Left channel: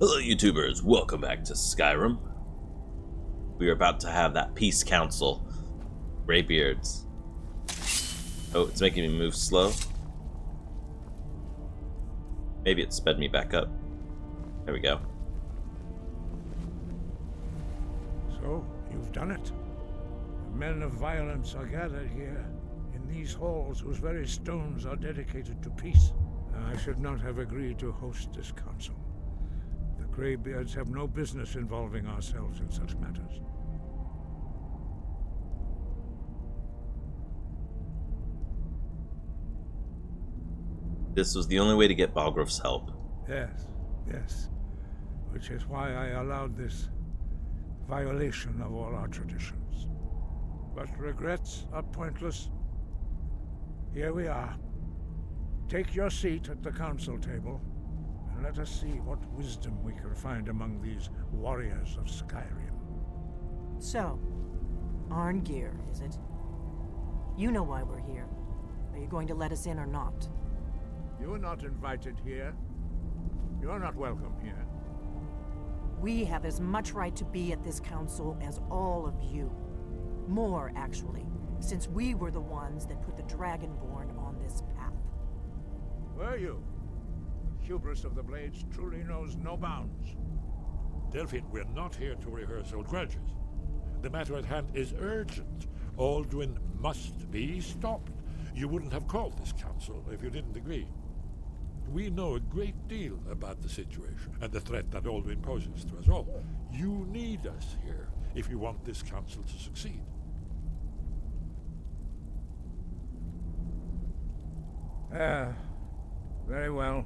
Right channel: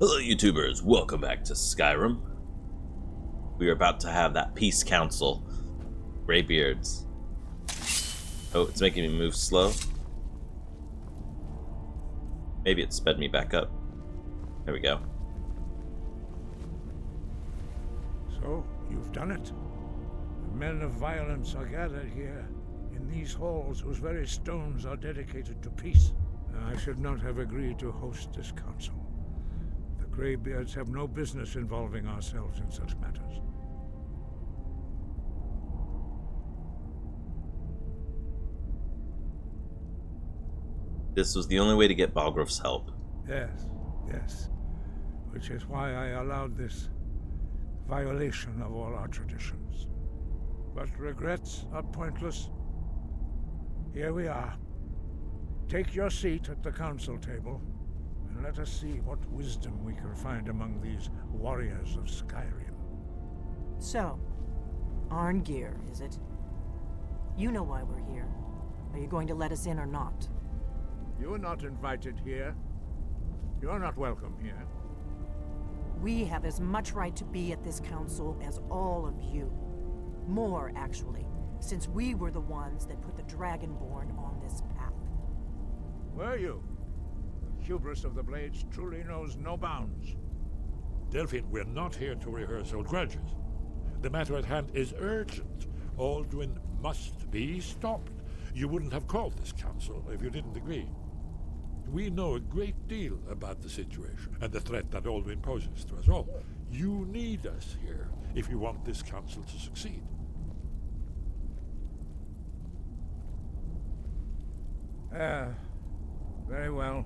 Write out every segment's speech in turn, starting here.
Hello YouTubers, welcome back to Skyrim. We are about to have that peace council. Greybeards. Oh, it's making me move slow. Maybe it sped me back up. There we go. So, you've done it. The men of violence are gathered here, in these halls whose very stones are dedicated to peace. I should not have agreed to host this council. The Greybeards have no business involving ourselves in such matters. This was the only way to get Balgruuf's help. Yes. Which is why I allowed this violation of all our traditions. But regrets are pointless. Here we are. Take your seat at the council table, and let us see what wisdom we can find among these warriors of Skyrim. So, Arngeir, is it? You know why we're here. Are you going to let us in or not? You're not invited here. You're not welcome here. We have as much right to be at this council as all of you. More, actually, since we were the ones that put the Dragonborn on this path. Were you? The hubris of the Blades truly knows no bounds. Delphine, we're not here to rehearse old grudges. The matter at hand is urgent. Alduin must be stopped. You wouldn't have called this council if you didn't agree. We know a great deal about the situation and the threat that Alduin poses to us all. You need us here if you want this council to succeed. Very well.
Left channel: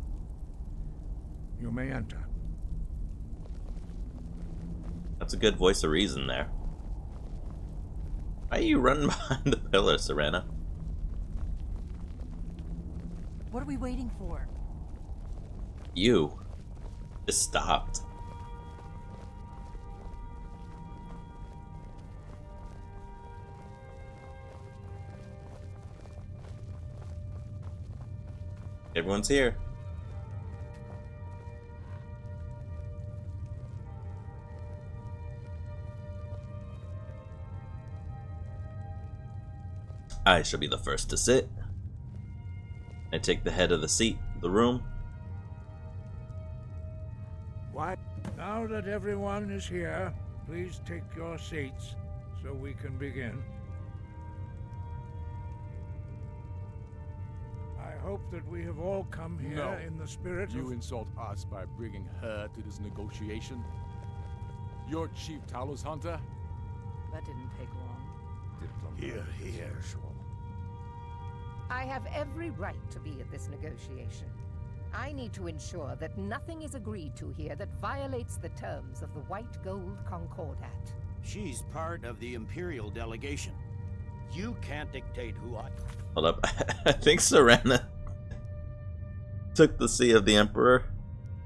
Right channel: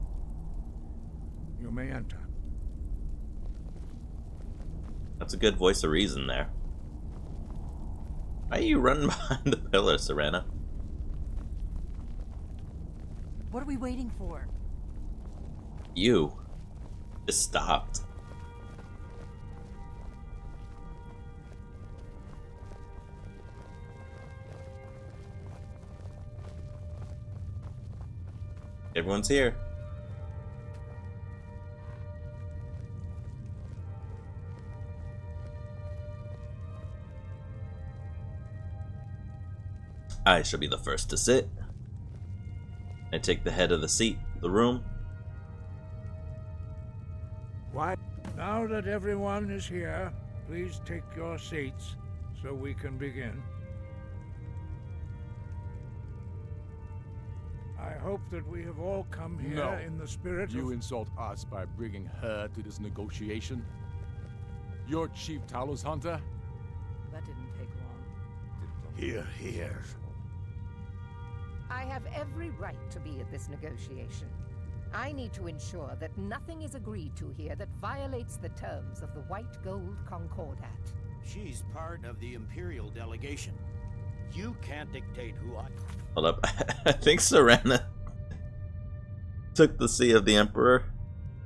You may enter. That's a good voice of reason there. Why are you running behind the pillar, Serena? What are we waiting for? You just stopped. Everyone's here. I shall be the first to sit. I take the head of the seat, the room. Why? Now that everyone is here, please take your seats so we can begin. I hope that we have all come here in the spirit of... You insult us by bringing her to this negotiation? You're Chief Talos Hunter? That didn't take long. Here. I have every right to be at this negotiation. I need to ensure that nothing is agreed to here that violates the terms of the White Gold Concordat. She's part of the Imperial delegation. You can't dictate who I... Hold up. I think Serena took the seat of the Emperor.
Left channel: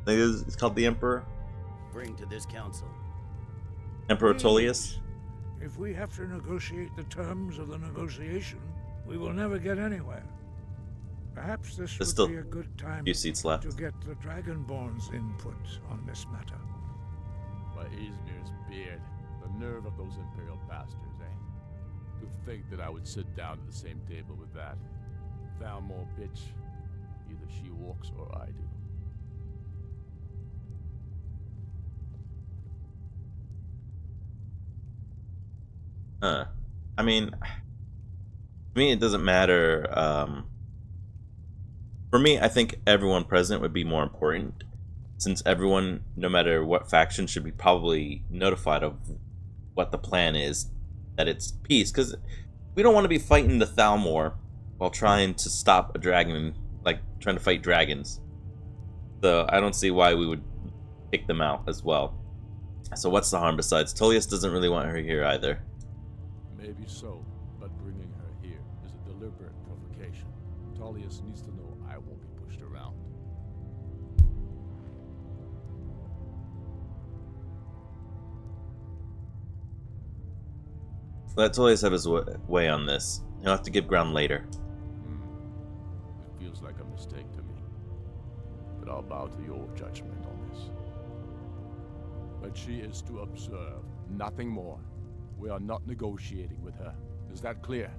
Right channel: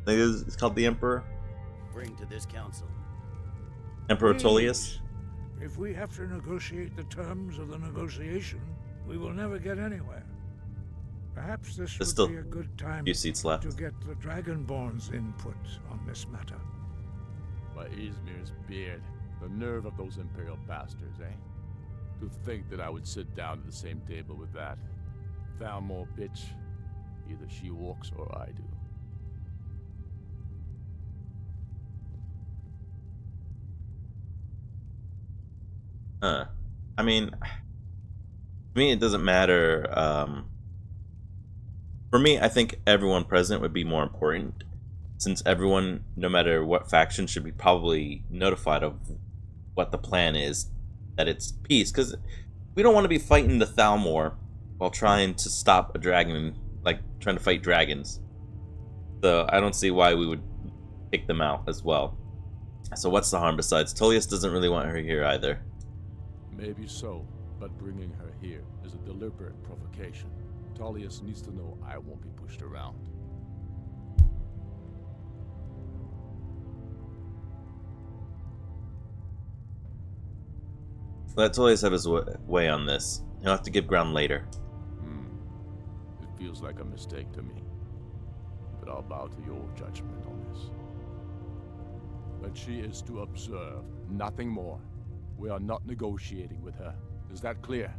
I think it's called the Emperor. bring to this council. Emperor Please. Tullius. If we have to negotiate the terms of the negotiation, we will never get anywhere. Perhaps this There's would still be a good time few seats left. to get the Dragonborn's input on this matter. By Izmir's beard, the nerve of those Imperial bastards, eh? To think that I would sit down at the same table with that. Thalmor bitch. Either she walks or I do. I mean, to me it doesn't matter. For me, I think everyone present would be more important, since everyone, no matter what faction, should be probably notified of what the plan is, that it's peace, because we don't want to be fighting the Thalmor while trying to stop a dragon, like trying to fight dragons. So I don't see why we would kick them out as well. So what's the harm besides? Tullius doesn't really want her here either. Maybe so, but bringing her here is a deliberate provocation. Tullius needs to know I won't be pushed around. Let Tullius have his way on this. He'll have to give ground later. It feels like a mistake to me. But I'll bow to your judgment on this. But she is to observe, nothing more. We are not negotiating with her. Is that clear?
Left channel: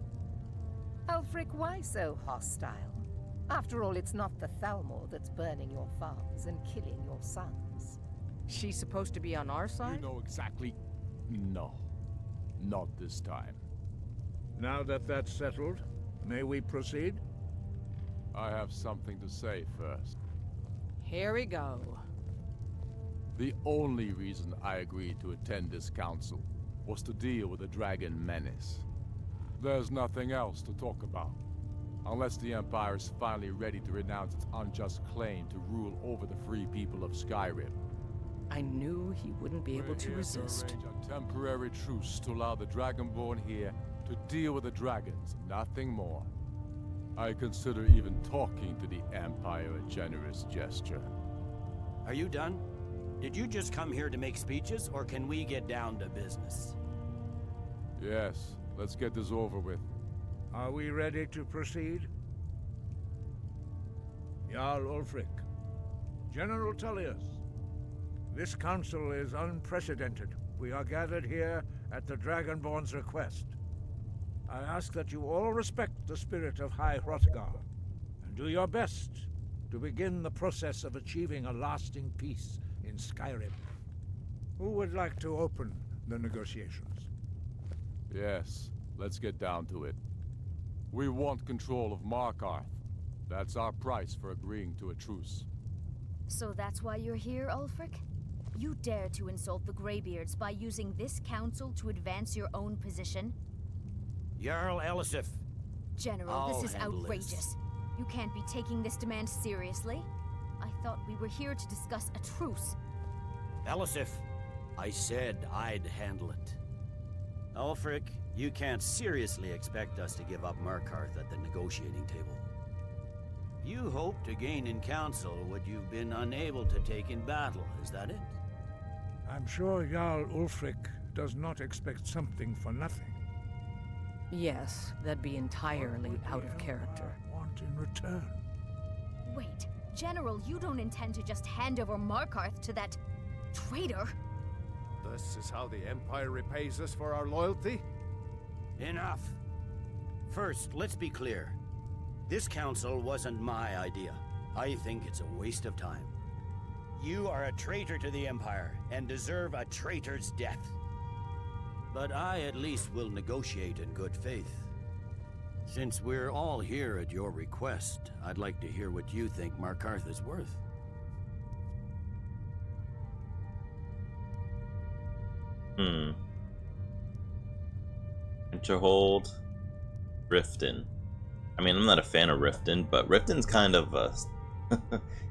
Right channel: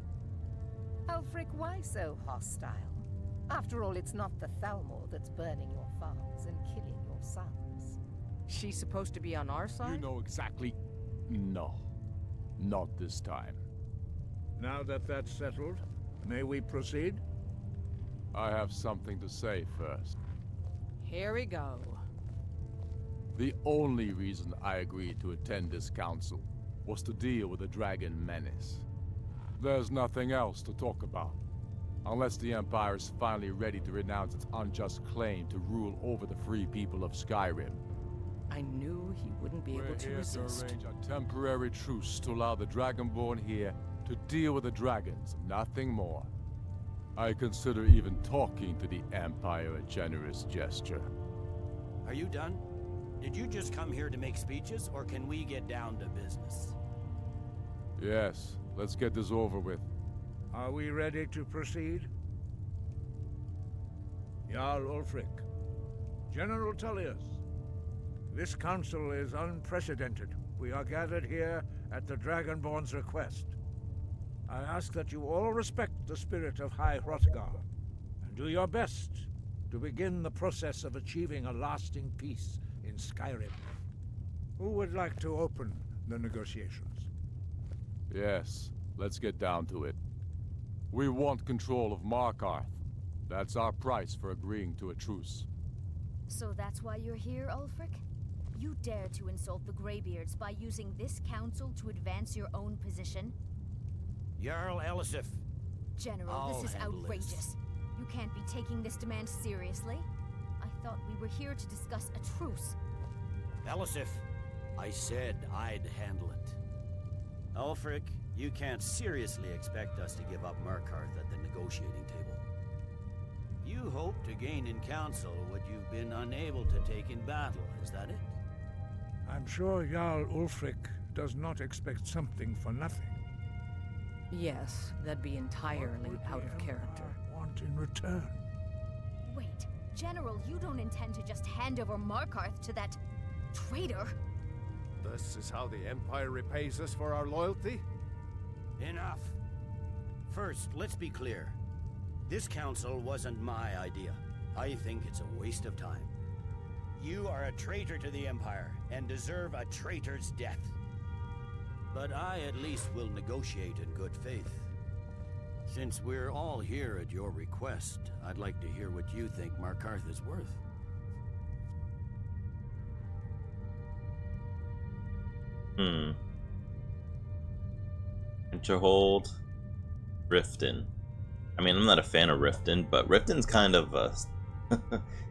Ulfric, why so hostile? After all, it's not the Thalmor that's burning your farms and killing your sons. She's supposed to be on our You side? know exactly... No. Not this time. Now that that's settled, may we proceed? I have something to say first. Here we go. The only reason I agreed to attend this council was to deal with the dragon menace. There's nothing else to talk about. Unless the Empire is finally ready to renounce its unjust claim to rule over the free people of Skyrim. I knew he wouldn't be able to resist. We're here to arrange a temporary truce to allow the Dragonborn here to deal with the dragons, nothing more. I consider even talking to the Empire a generous gesture. Are you done? Did you just come here to make speeches, or can we get down to business? Yes, let's get this over with. Are we ready to proceed? Jarl Ulfric, General Tullius, this council is unprecedented. We are gathered here at the Dragonborn's request. I ask that you all respect the spirit of High Hrothgar, and do your best to begin the process of achieving a lasting peace in Skyrim. Who would like to open the negotiations? Yes, let's get down to it. We want control of Markarth. That's our price for agreeing to a truce. So that's why you're here, Ulfric? You dare to insult the Greybeards by using this council to advance your own position? Jarl Elisif. General, I'll this is handle outrageous. this. You can't be taking this demand seriously. I thought we were here to discuss a truce. Elisif, I said I'd handle it. Ulfric, you can't seriously expect us to give up Markarth at the negotiating table. You hope to gain in council what you've been unable to take in battle, is that it? I'm sure Jarl Ulfric does not expect something for nothing. Yes, that'd be What entirely would out the of character. Empire want in return? Wait, General, you don't intend to just hand over Markarth to that traitor? This is how the Empire repays us for our loyalty? Enough. First, let's be clear. This council wasn't my idea. I think it's a waste of time. You are a traitor to the Empire, and deserve a traitor's death. But I at least will negotiate in good faith. Since we're all here at your request, I'd like to hear what you think Markarth is worth. Winterhold, Riften. I mean, I'm not a fan of Riften, but Riften's kind of a...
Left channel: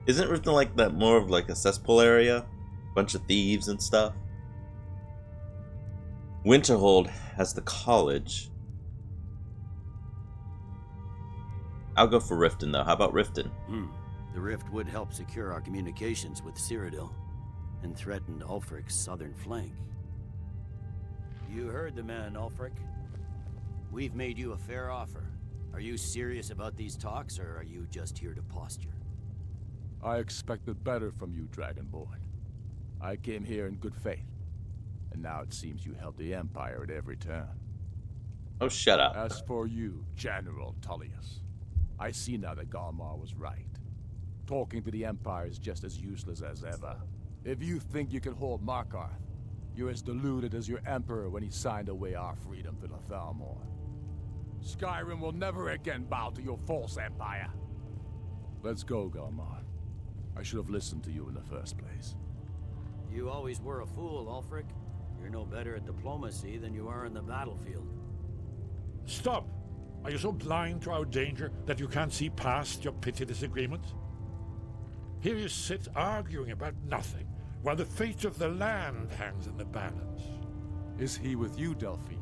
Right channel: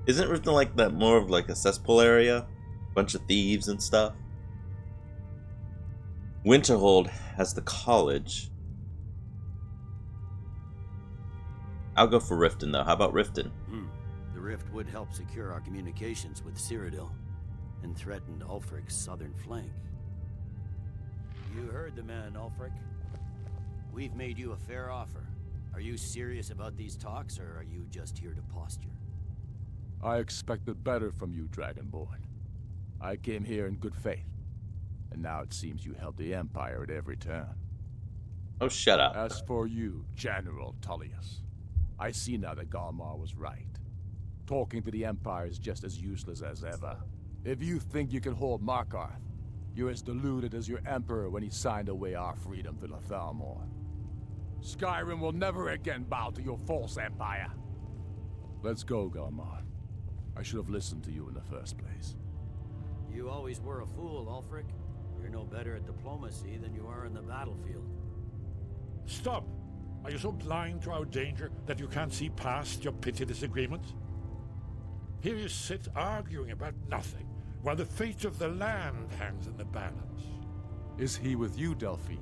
Isn't Riften like that, more of like a cesspool area? Bunch of thieves and stuff? Winterhold has the college. I'll go for Riften though. How about Riften? The rift would help secure our communications with Cyrodiil, and threatened Ulfric's southern flank. You heard the man, Ulfric. We've made you a fair offer. Are you serious about these talks, or are you just here to posture? I expected better from you, Dragonborn. I came here in good faith. And now it seems you help the Empire at every turn. Oh, shut up. As for you, General Tullius, I see now that Galmar was right. Talking to the Empire is just as useless as ever. If you think you can hold Markarth, you're as deluded as your Emperor when he signed away our freedom to the Thalmor. Skyrim will never again bow to your false empire. Let's go, Galmar. I should have listened to you in the first place. You always were a fool, Ulfric. You're no better at diplomacy than you are in the battlefield. Stop! Are you so blind to our danger that you can't see past your petty disagreements? Here you sit arguing about nothing, while the fate of the land hangs in the balance. Is he with you, Delphine?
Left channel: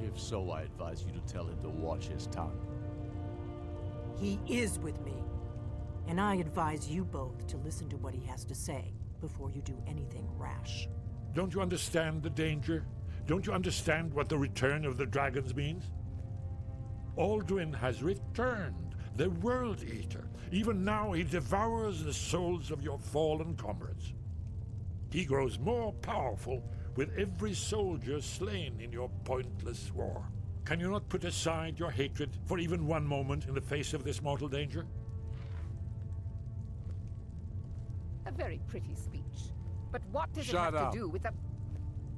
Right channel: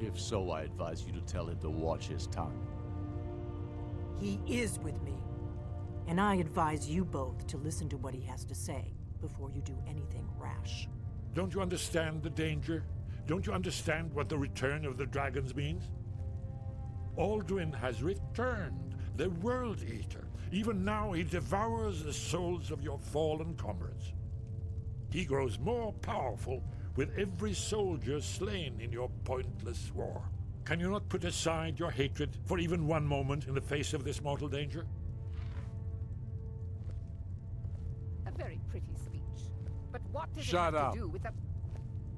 If so, I advise you to tell him to watch his tongue. He is with me. And I advise you both to listen to what he has to say before you do anything rash. Don't you understand the danger? Don't you understand what the return of the dragons means? Alduin has returned, the World Eater. Even now he devours the souls of your fallen comrades. He grows more powerful with every soldier slain in your pointless war. Can you not put aside your hatred for even one moment in the face of this mortal danger? A very pretty speech. But what does Shut it have up. to do with the...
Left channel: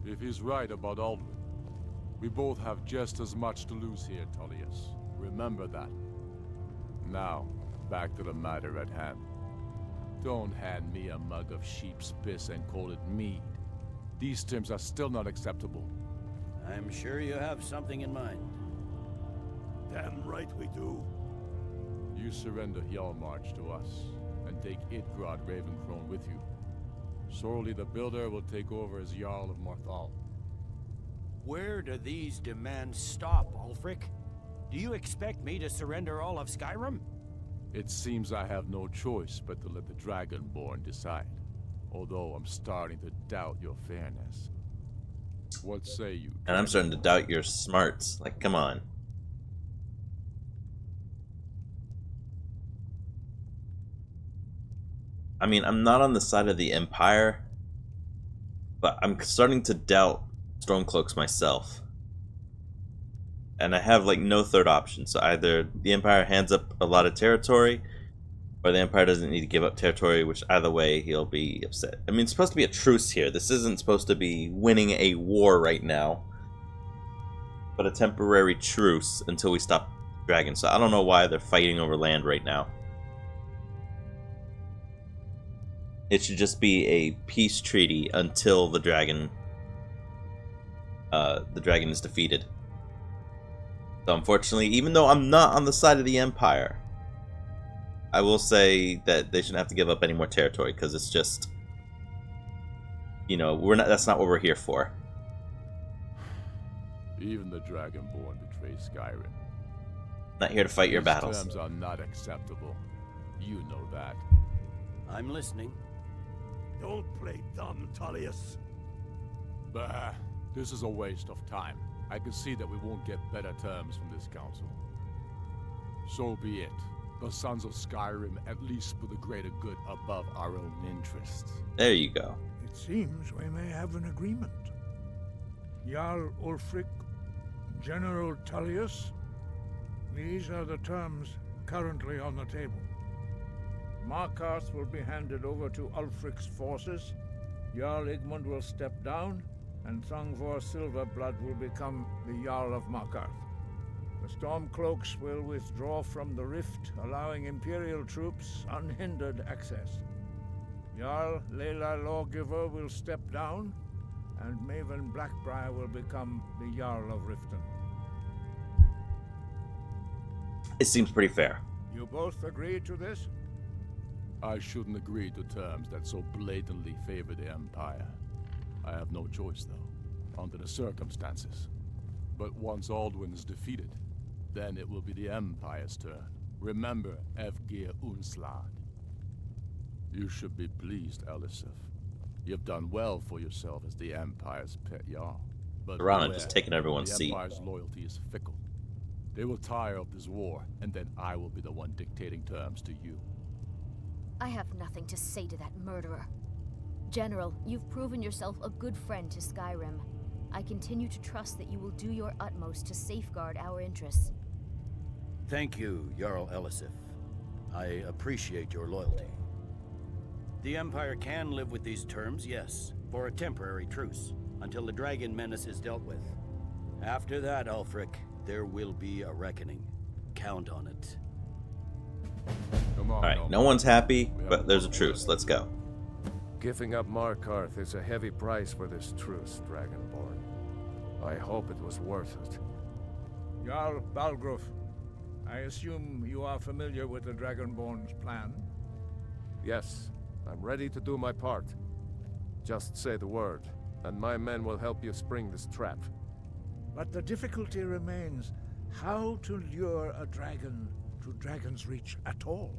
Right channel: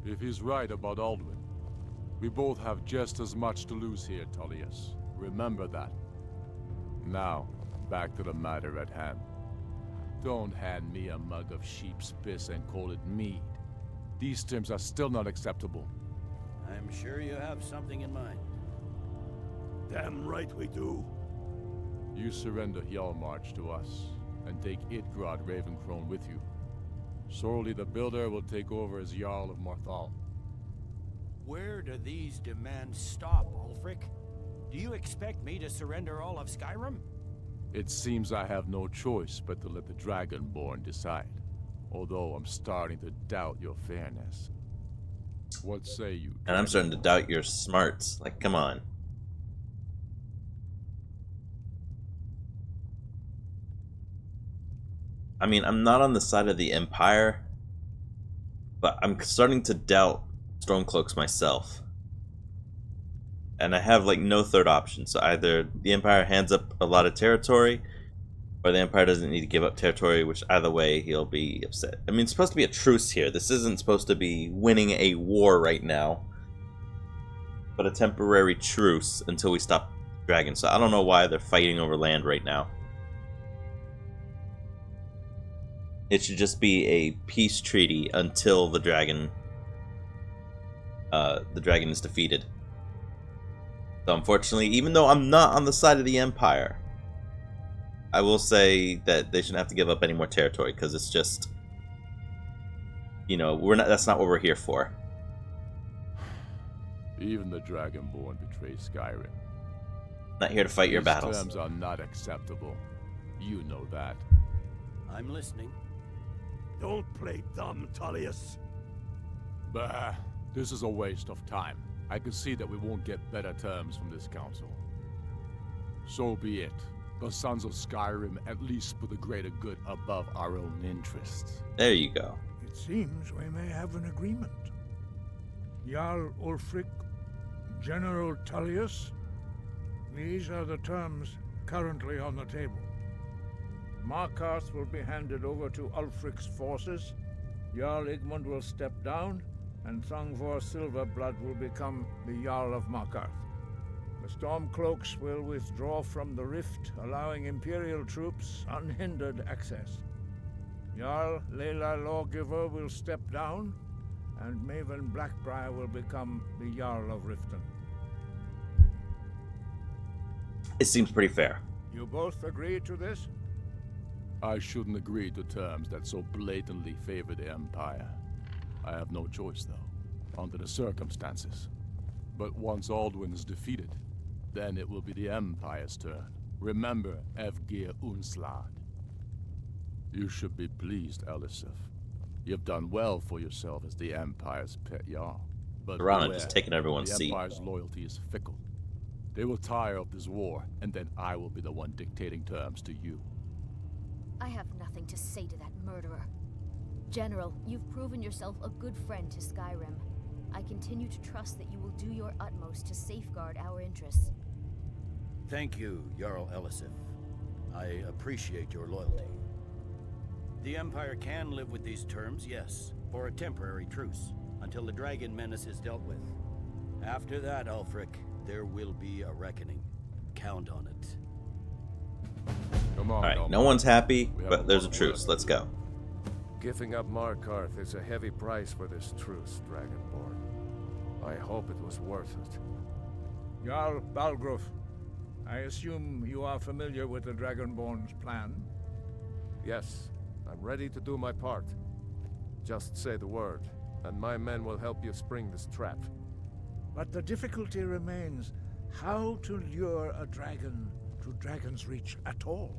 If he's right about Aldwin, we both have just as much to lose here, Tullius. Remember that. Now, back to the matter at hand. Don't hand me a mug of sheep's piss and call it mead. These terms are still not acceptable. I'm sure you have something in mind. Damn right we do. You surrender Hjalmarch to us, and take Idgrod Ravencrone with you. Sorely the Builder will take over as Jarl of Marthal. Where do these demands stop, Ulfric? Do you expect me to surrender all of Skyrim? It seems I have no choice but to let the Dragonborn decide. Although I'm starting to doubt your fairness. What say you? And I'm starting to doubt your smarts. Like, come on. I mean, I'm not on the side of the Empire, but I'm starting to doubt Stormcloaks myself. And I have, like, no third option. So either the Empire hands up a lot of territory, or the Empire doesn't need to give up territory, which either way, he'll be upset. I mean, it's supposed to be a truce here. This isn't supposed to be winning a war right now, but a temporary truce until we stop dragons. So I don't know why they're fighting over land right now. It should just be a peace treaty until the dragon is defeated. So unfortunately, even though I'm not on the side of the Empire, I will say that they shouldn't have to give up any more territory, because it's just, you know, that's not what we're here for. Even the Dragonborn betray Skyrim. Not here to fight your These battles. terms are not acceptable. You know that. I'm listening. Don't play dumb, Tullius. Bah, this is a waste of time. I can see that we won't get better terms from this council. So be it. The Sons of Skyrim at least put the greater good above our own interests. There you go. It seems we may have an agreement. Jarl Ulfric, General Tullius, these are the terms currently on the table. Markarth will be handed over to Ulfric's forces, Jarl Igmund will step down, and Thongvor Silverblood will become the Jarl of Markarth. The Stormcloaks will withdraw from the rift, allowing Imperial troops unhindered access. Jarl Layla Lawgiver will step down, and Maven Blackbriar will become the Jarl of Riften. It seems pretty fair. You both agree to this? I shouldn't agree to terms that so blatantly favor the Empire. I have no choice, though, under the circumstances. But once Aldwin is defeated, then it will be the Empire's turn. Remember Evgir Unslad. You should be pleased, Elisif. You've done well for yourself as the Empire's pet Jarl. But Piranha beware, just taking everyone's the seat. Empire's loyalty is fickle. They will tire of this war, and then I will be the one dictating terms to you. I have nothing to say to that murderer. General, you've proven yourself a good friend to Skyrim. I continue to trust that you will do your utmost to safeguard our interests. Thank you, Jarl Elisif. I appreciate your loyalty. The Empire can live with these terms, yes, for a temporary truce, until the dragon menace is dealt with. After that, Ulfric, there will be a reckoning. Count on it. Come on, Alright, no one's happy, but there's a truce. Let's go. Giving up Markarth is a heavy price for this truce, Dragonborn. I hope it was worth it. Jarl Balgruf, I assume you are familiar with the Dragonborn's plan? Yes, I'm ready to do my part. Just say the word, and my men will help you spring this trap. But the difficulty remains how to lure a dragon to Dragon's Reach at all.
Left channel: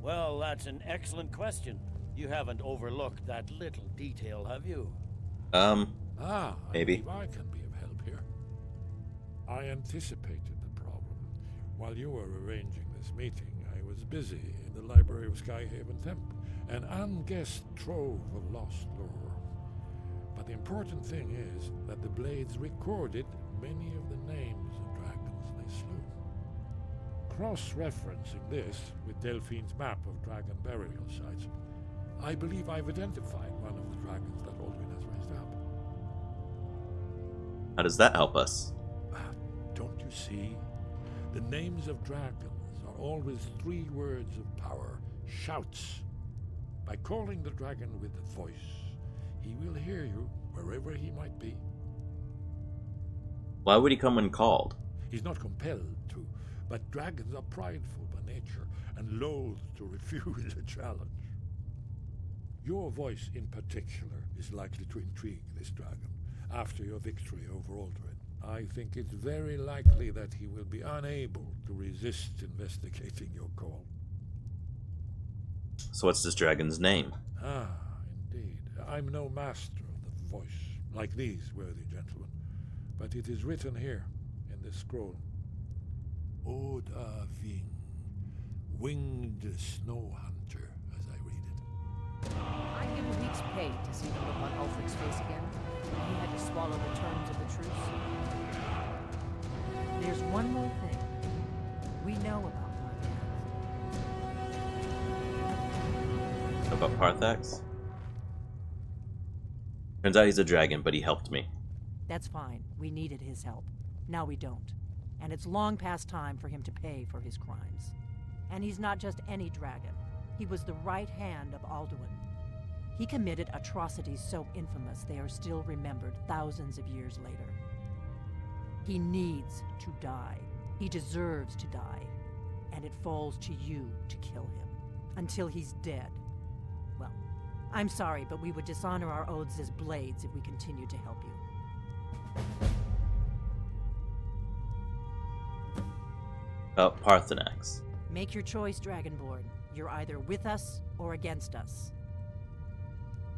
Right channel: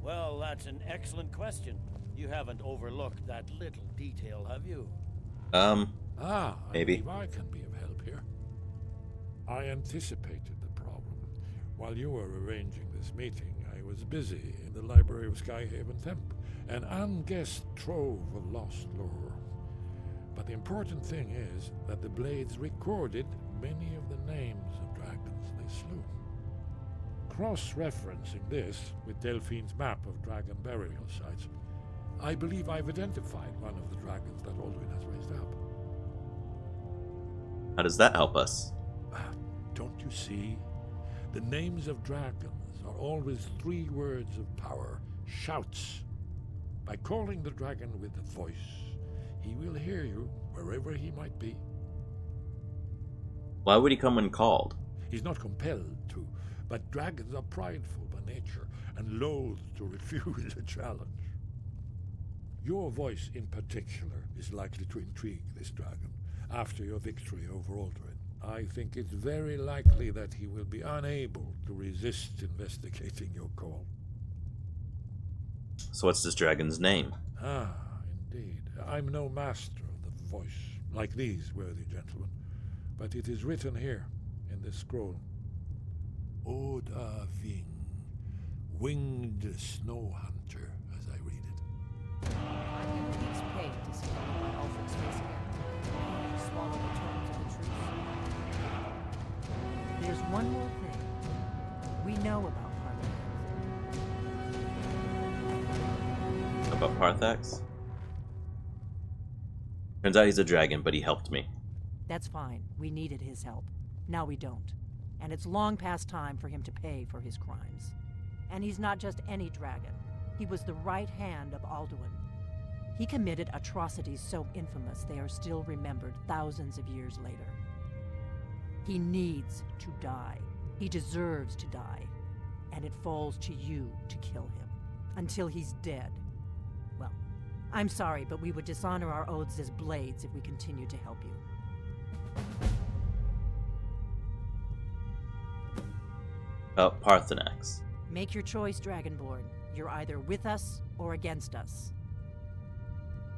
Well, that's an excellent question. You haven't overlooked that little detail, have you? Maybe. I believe I can be of help here. I anticipated the problem. While you were arranging this meeting, I was busy in the library of Skyhaven Temp, An unguessed trove of lost lore. But the important thing is that the blades recorded many of the names of dragons they slew. Cross-referencing this with Delphine's map of dragon burial sites, I believe I've identified one of the dragons that Alduin has raised up. How does that help us? Don't you see? The names of dragons are always 3 words of power, shouts. By calling the dragon with a voice, he will hear you wherever he might be. Why would he come when called? He's not compelled to, but dragons are prideful by nature and loath to refuse a challenge. Your voice in particular is likely to intrigue this dragon after your victory over Alduin. I think it's very likely that he will be unable to resist investigating your call. So what's this dragon's name? Ah, indeed. I'm no master of the voice, like these worthy gentlemen, but it is written here, in this scroll. Oda Ving, winged snow hunter, as I read it. I'd give a week's pay to see the look on Ulfric's face again. He had to swallow the terms of the truce. There's one more thing. We know about Parthenax. About Parthax? Turns out he's a dragon, but he helped me. That's fine. We needed his help. Now we don't. And it's long past time for him to pay for his crimes. And he's not just any dragon. He was the right hand of Alduin. He committed atrocities so infamous they are still remembered thousands of years later. He needs to die. He deserves to die. And it falls to you to kill him. Until he's dead. Well, I'm sorry, but we would dishonor our oaths as blades if we continued to help you. About Parthenax. Make your choice, Dragonborn. You're either with us or against us.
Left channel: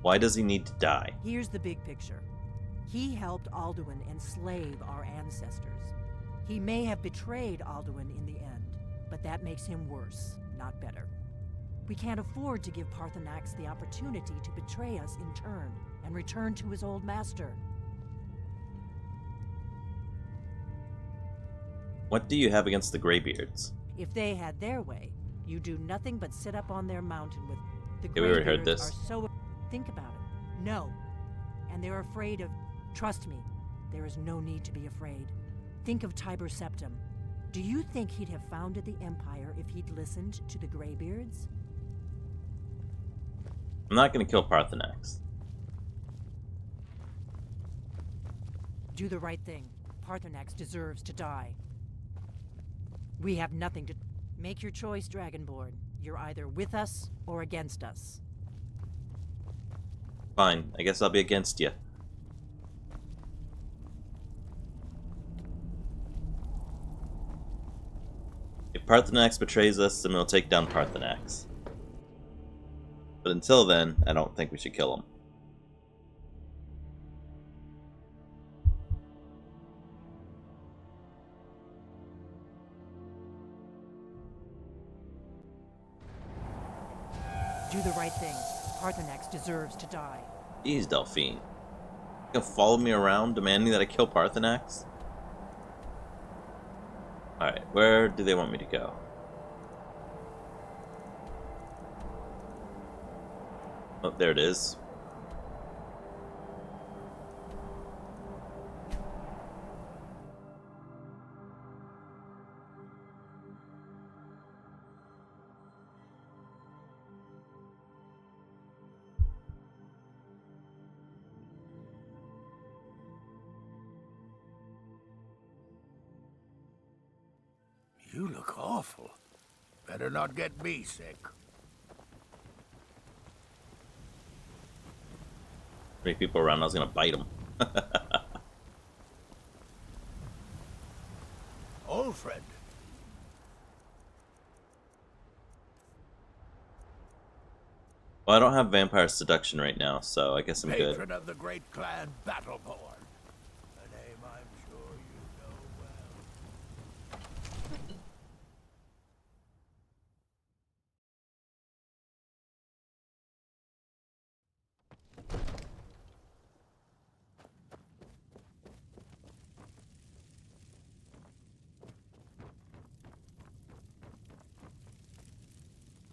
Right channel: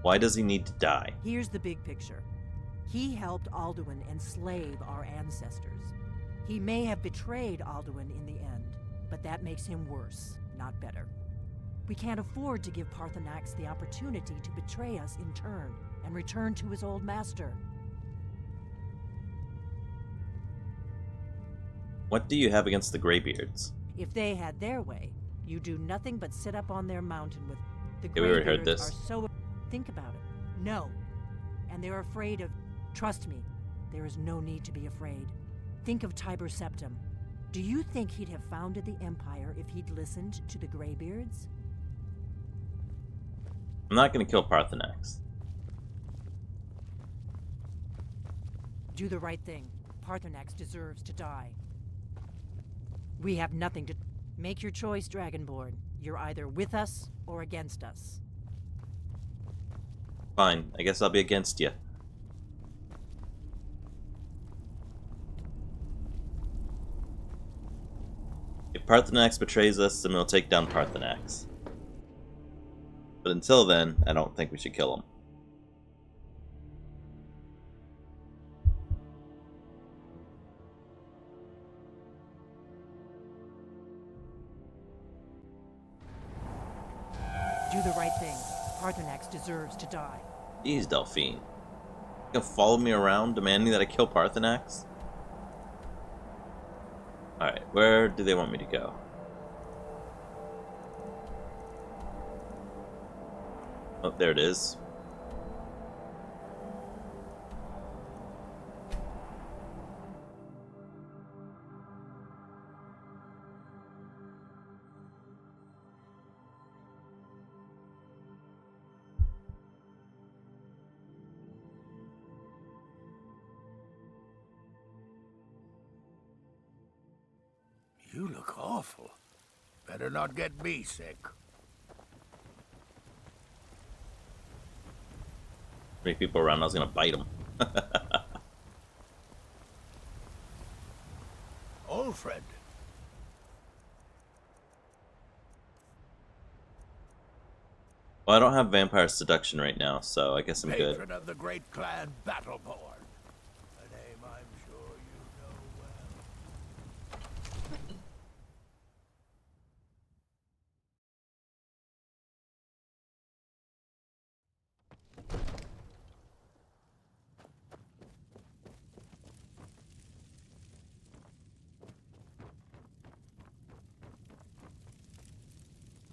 Why does he need to die? Here's the big picture. He helped Alduin enslave our ancestors. He may have betrayed Alduin in the end, but that makes him worse, not better. We can't afford to give Parthenax the opportunity to betray us in turn and return to his old master. What do you have against the Greybeards? If they had their way, you do nothing but sit up on their mountain with the Yeah, we already heard Greybeards this. are so... Think about it. No. And they're afraid of... Trust me, there is no need to be afraid. Think of Tiber Septim. Do you think he'd have founded the Empire if he'd listened to the Greybeards? I'm not going to kill Parthenax. Do the right thing. Parthenax deserves to die. We have nothing to... Make your choice, Dragonborn. You're either with us or against us. Fine, I guess I'll be against you. If Parthenax betrays us, then we'll take down Parthenax. But until then, I don't think we should kill him. Do the right thing. Parthenax deserves to die. Jeez, Delphine. You gonna follow me around demanding that I kill Parthenax? Alright, where do they want me to go? Oh, there it is. You look awful. Better not get me sick. Many people around, I was gonna bite them. Alfred. Well, I don't have vampire seduction right now, so I guess I'm good. Patron of the great clan Battleborn.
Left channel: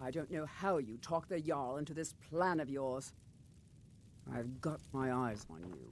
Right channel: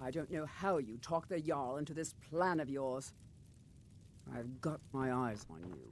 I don't know how you talked the Jarl into this plan of yours. I've got my eyes on you.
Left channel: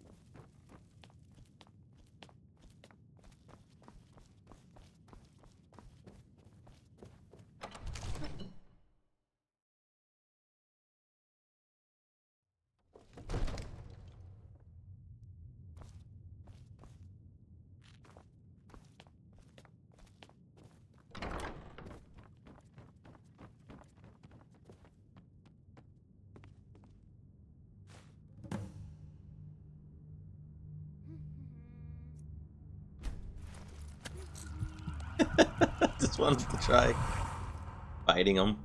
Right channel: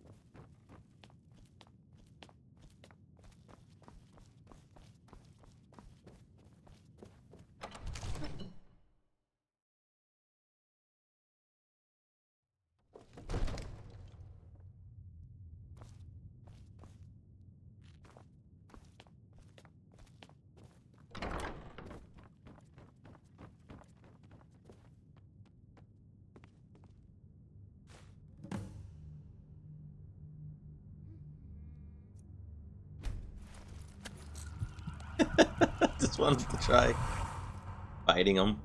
Just wanted to try fighting him.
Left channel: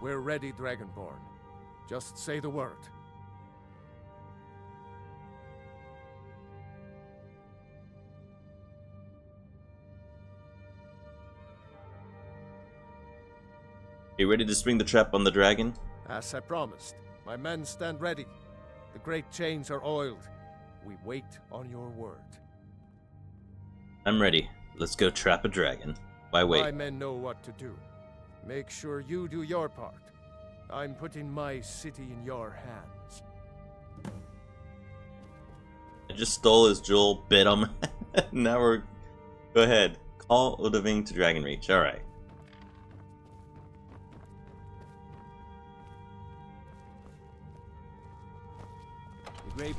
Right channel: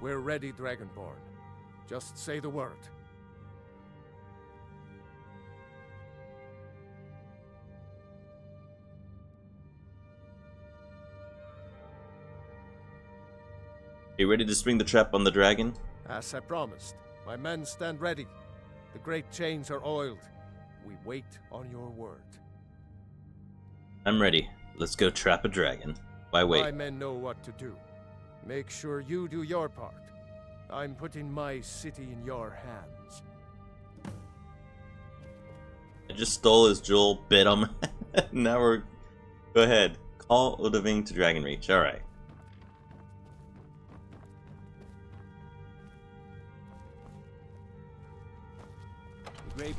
We're ready, Dragonborn. Just say the word. You ready to spring the trap on the dragon? As I promised, my men stand ready. The great chains are oiled. We wait on your word. I'm ready. Let's go trap a dragon. Why wait? My men know what to do. Make sure you do your part. I'm putting my city in your hands. I just stole his jewel, bit him. Now we're... Go ahead. Call Odaving to Dragon Reach. Alright. Great.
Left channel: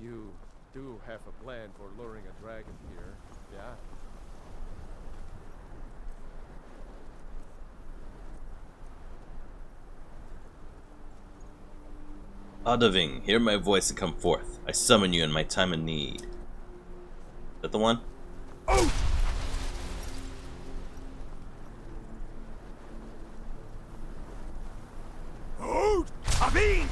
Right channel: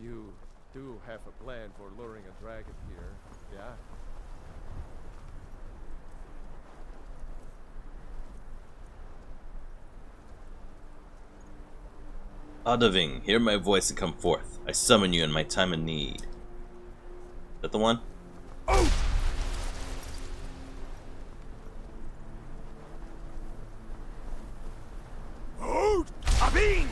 You do have a plan for luring a dragon here, yeah? Odaving, hear my voice and come forth. I summon you in my time of need. Is that the one? Oh! Oh! Abin!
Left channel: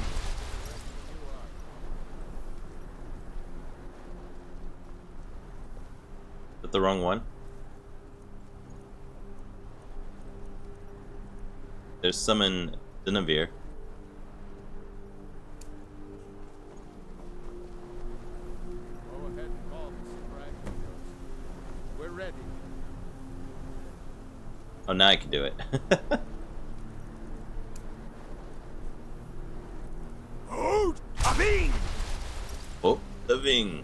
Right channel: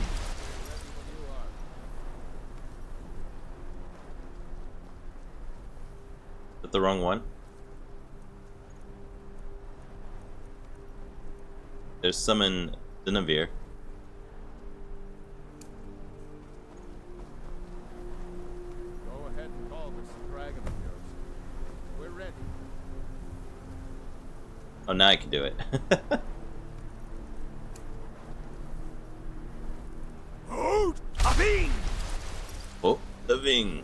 Is that the wrong one? There's summon Dinavir. Go ahead and call this dragon of yours. We're ready. Oh, now I can do it. Oh! Abin! Oh, Odaving.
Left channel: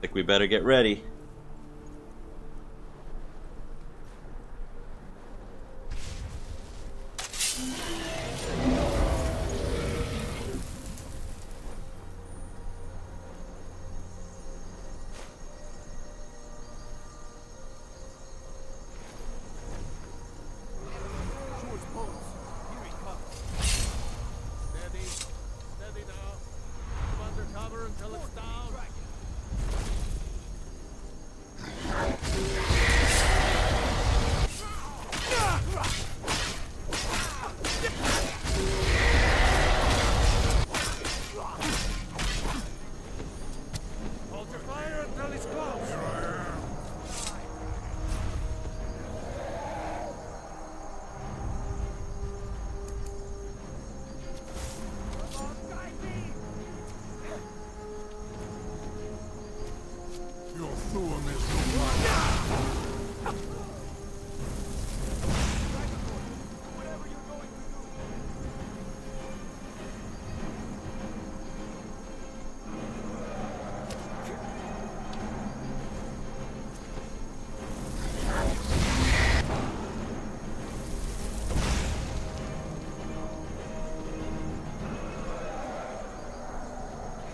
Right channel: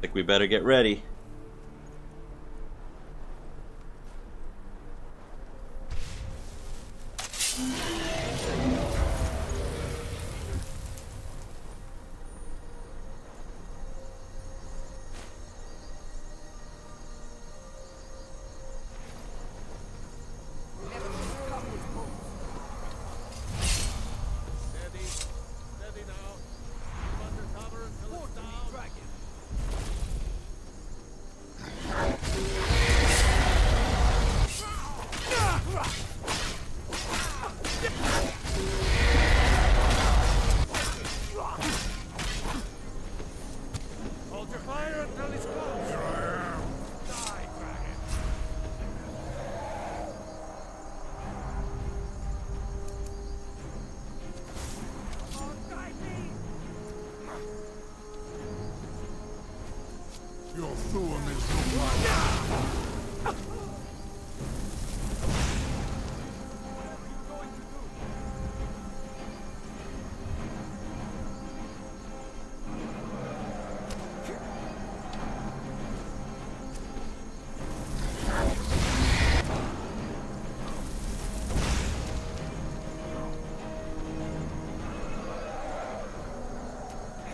Think we better get ready. Steady. Steady now. Keep under cover until it's down. Hold your fire until he's close. Here I am. Die, dragon. Come on, guide me. Your Thuum is no match. Whatever you're going to do.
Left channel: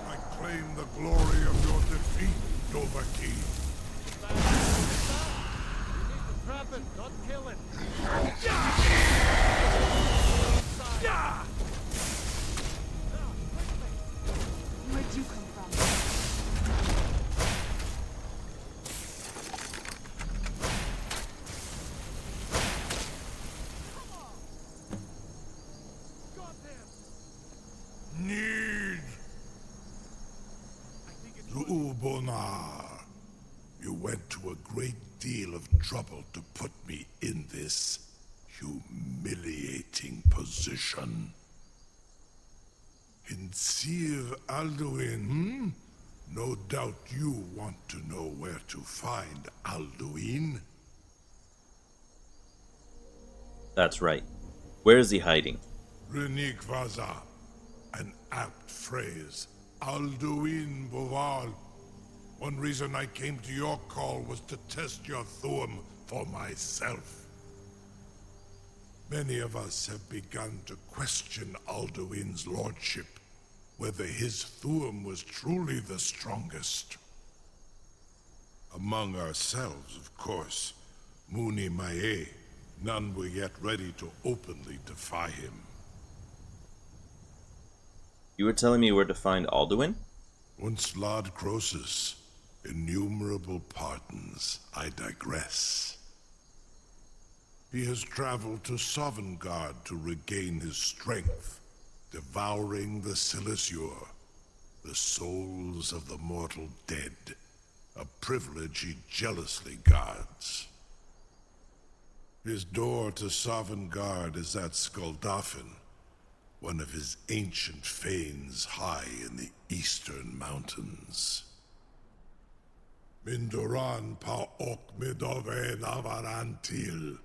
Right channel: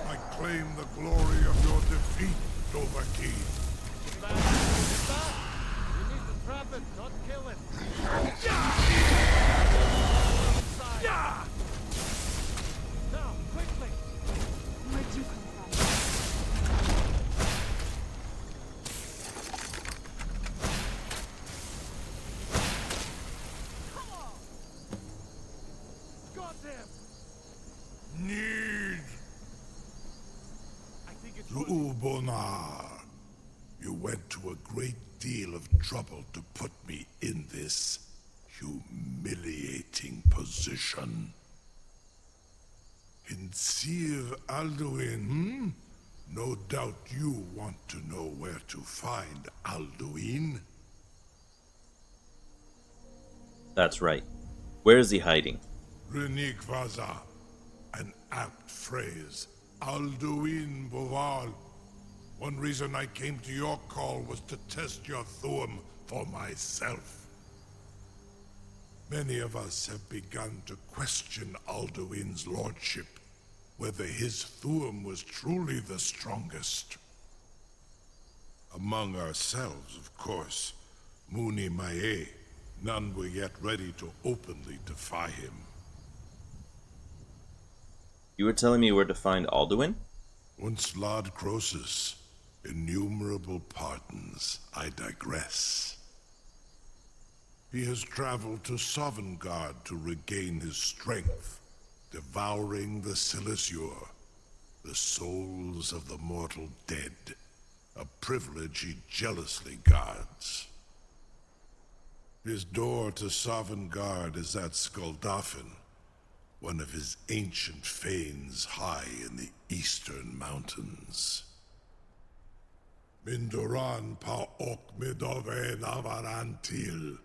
I claim the glory of your defeat, Dovahkiin. You need Zuubonar, you went to a great deal of trouble to put me in this humiliating position. Hinsir Alduin, No doubt you want to know where to find Alduin. That's right. Where is he hiding? Renik Vaza, an apt phrase. Alduin Boval. One reason I came to your call was to test your Thuum for myself. Many of us have begun to question Alduin's lordship, whether his Thuum was truly the strongest. Among ourselves, of course, Muni Mae, none were yet ready to openly defy him. You were telling me where to find Alduin? Once Lord Croesus, innumerable pardons, I digress. He has traveled to Sovngarde to regain his strength, devouring the Silesure, the souls of the mortal dead, a privilege he jealously guards. His door to Sovngarde is at Skuldafn, one of his ancient fanes high in the eastern mountains. Mindoran pa ok midove navarantil.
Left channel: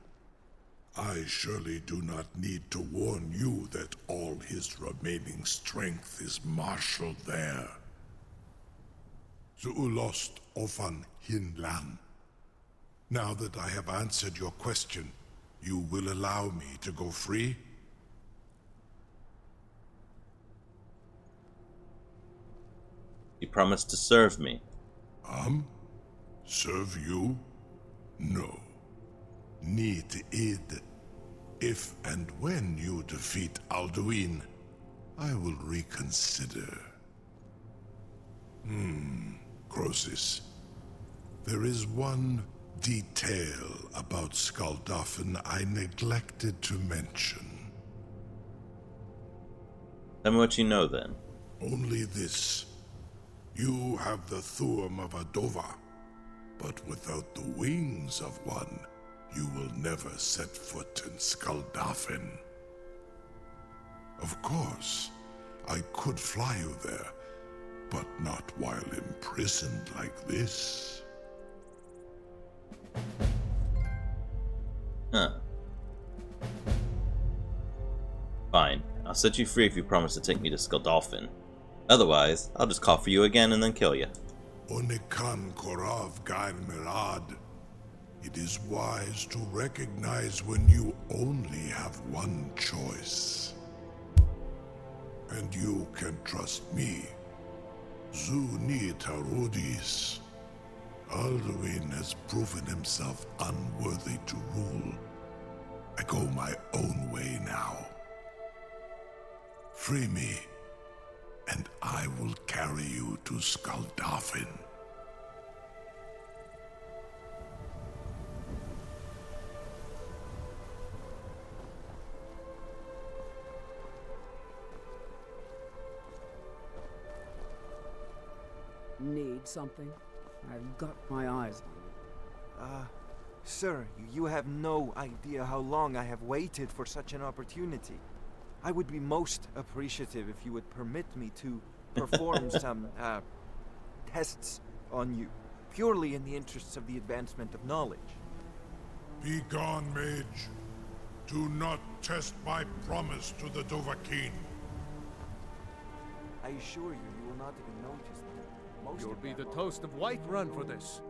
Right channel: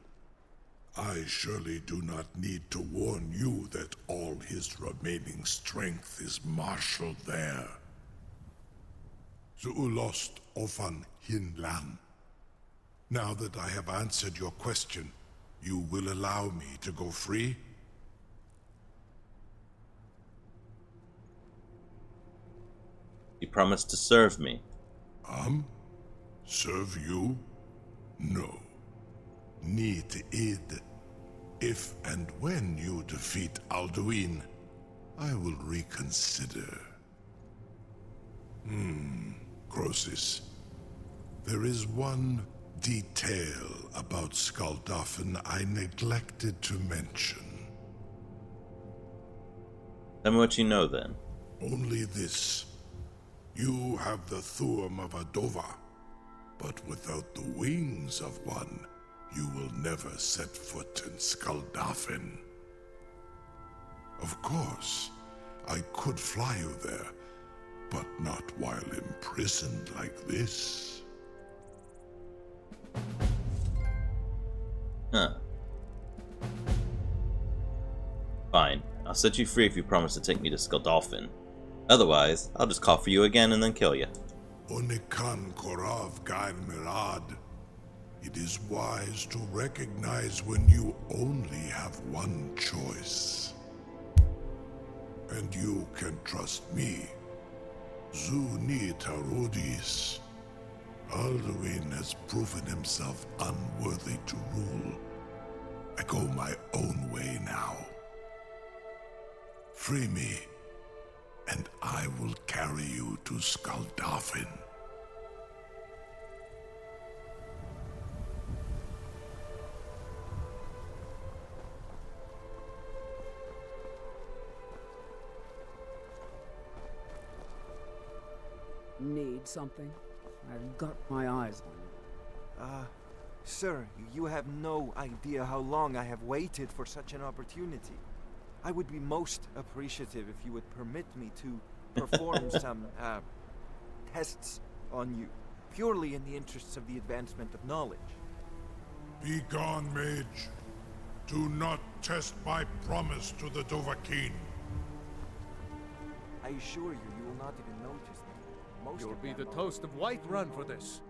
I surely do not need to warn you that all his remaining strength is marshaled there. Zuulost ofan hinlan. Now that I have answered your question, you will allow me to go free? You promised to serve me. Serve you? No. Need id. If and when you defeat Alduin, I will reconsider. Croesus. There is one detail about Skuldafn I neglected to mention. Tell me what you know, then. Only this. You have the Thuum of a Dova, but without the wings of one, you will never set foot in Skuldafn. Of course, I could fly you there, but not while imprisoned like this. Huh. Fine. I'll set you free if you promise to take me to Skuldafn. Otherwise, I'll just call for you again and then kill you. Onikan Korav Gain Mirad. It is wise to recognize when you only have one choice. And you can trust me. Zuni Tarudis. Alduin has proven himself unworthy to rule. I go my own way now. Free me, and I will carry you to Skuldafn. Need something? I've got my eyes on you. Sir, you have no idea how long I have waited for such an opportunity. I would be most appreciative if you would permit me to perform some, tests on you, purely in the interests of the advancement of knowledge. Be gone, mage. Do not test my promise to the Dovahkiin. I assure you, you will not even notice me. You'll be the toast of Whiterun for this.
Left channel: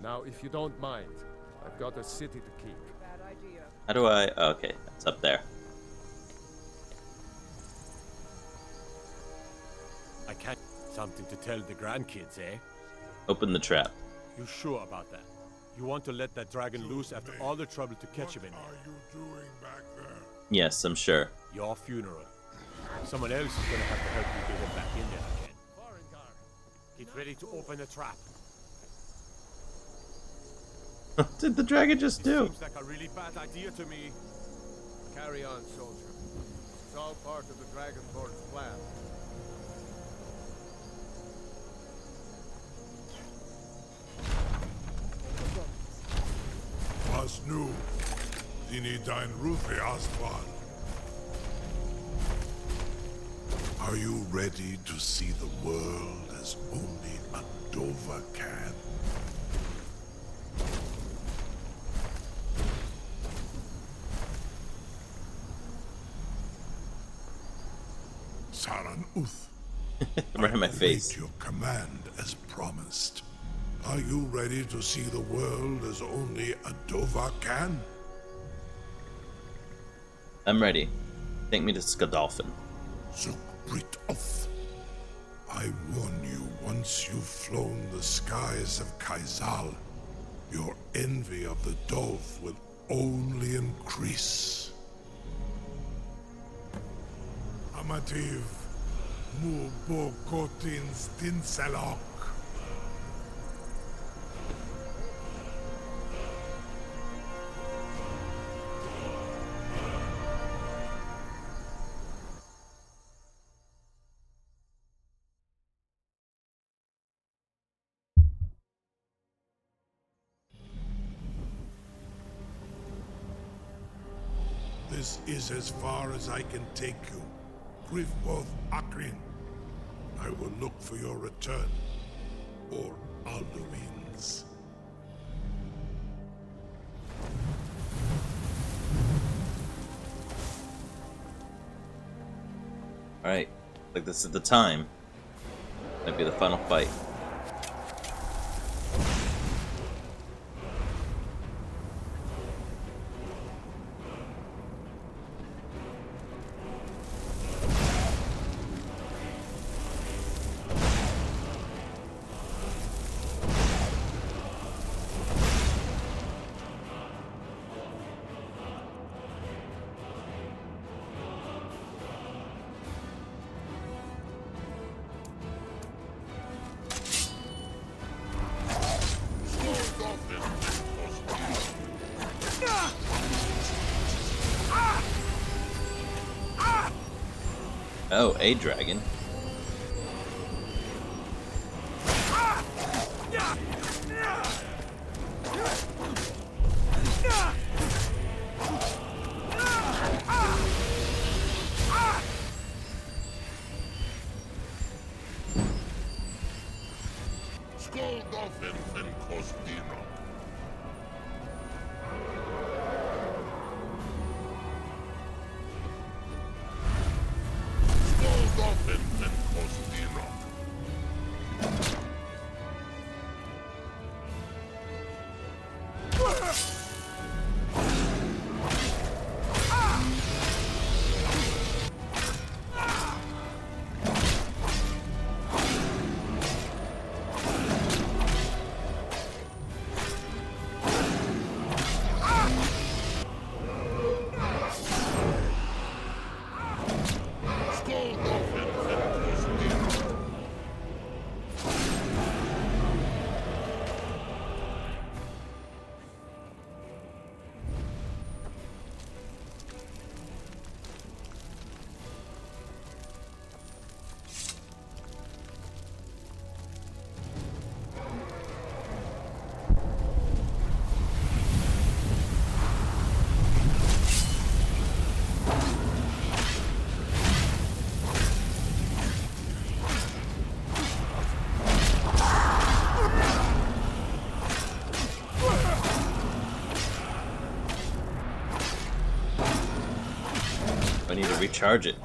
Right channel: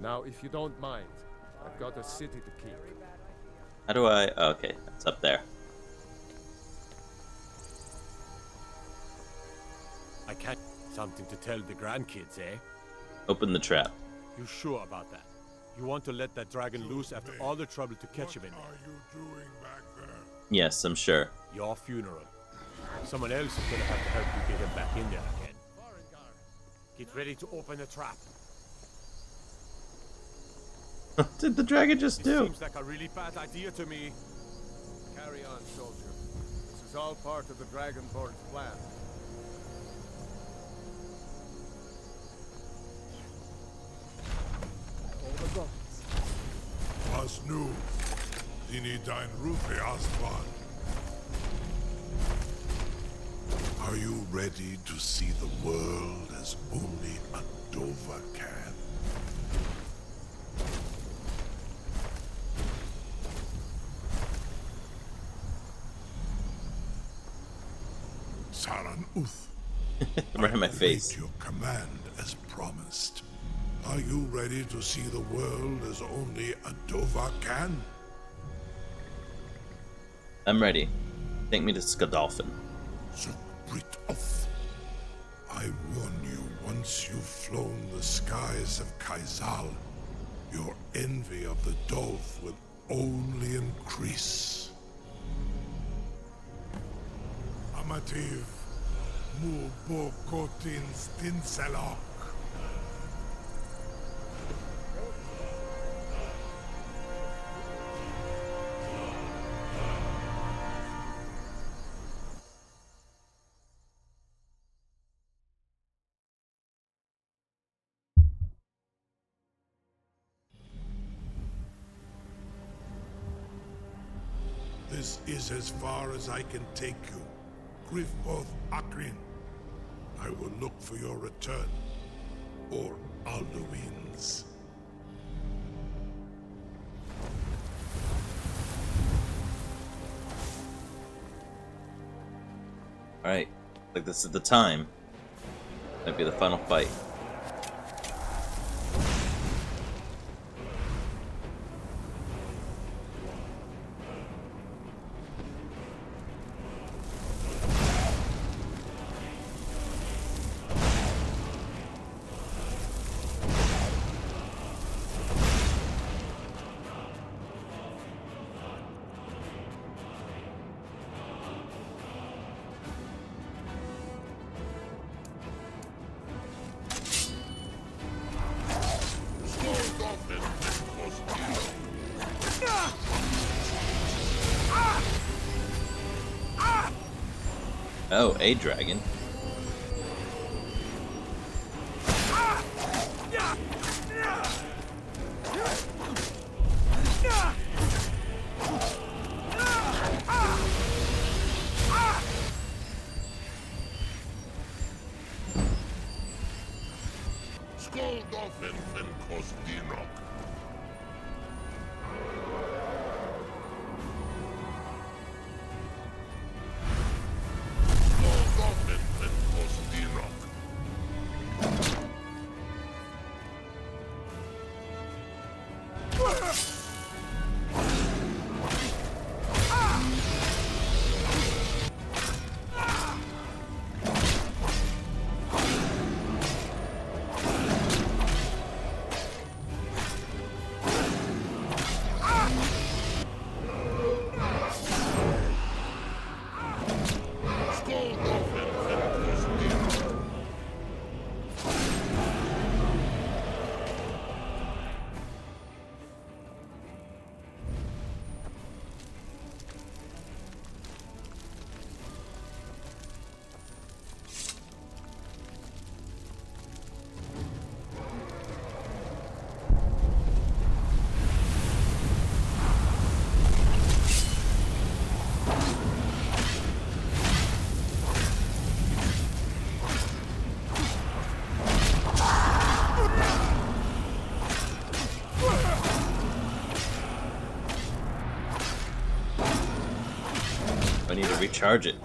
Now, if you don't mind, I've got a city to keep. How do I... Oh, okay, it's up there. I can't... Something to tell the grandkids, eh? Open the trap. You sure about that? You want to let that dragon loose after all the trouble to catch him in there? What are you doing back there? Yes, I'm sure. Your funeral. Someone else is gonna have to help you get him back in there again. Get ready to open the trap. What did the dragon just do? Seems like a really bad idea to me. Carry on, soldier. This is all part of the Dragonborn's plan. Tinidine Rufe Aswan. Are you ready to see the world as only a Dova can? Saran Uth. Right in my face. Your command as promised. Are you ready to see the world as only a Dova can? I'm ready. Take me to Skadolfin. Zukbrit Oth. I warn you, once you've flown the skies of Kaizal, your envy of the Dolph will only increase. Amativ, mu bo kotin stinselok. This is as far as I can take you. Grifboth Akrin. I will look for your return. Or Alduin's. Alright. Like this is the time. Might be the final fight. Oh, a dragon. I need to recharge it.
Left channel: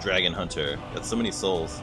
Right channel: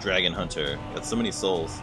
Dragon Hunter. Got so many souls.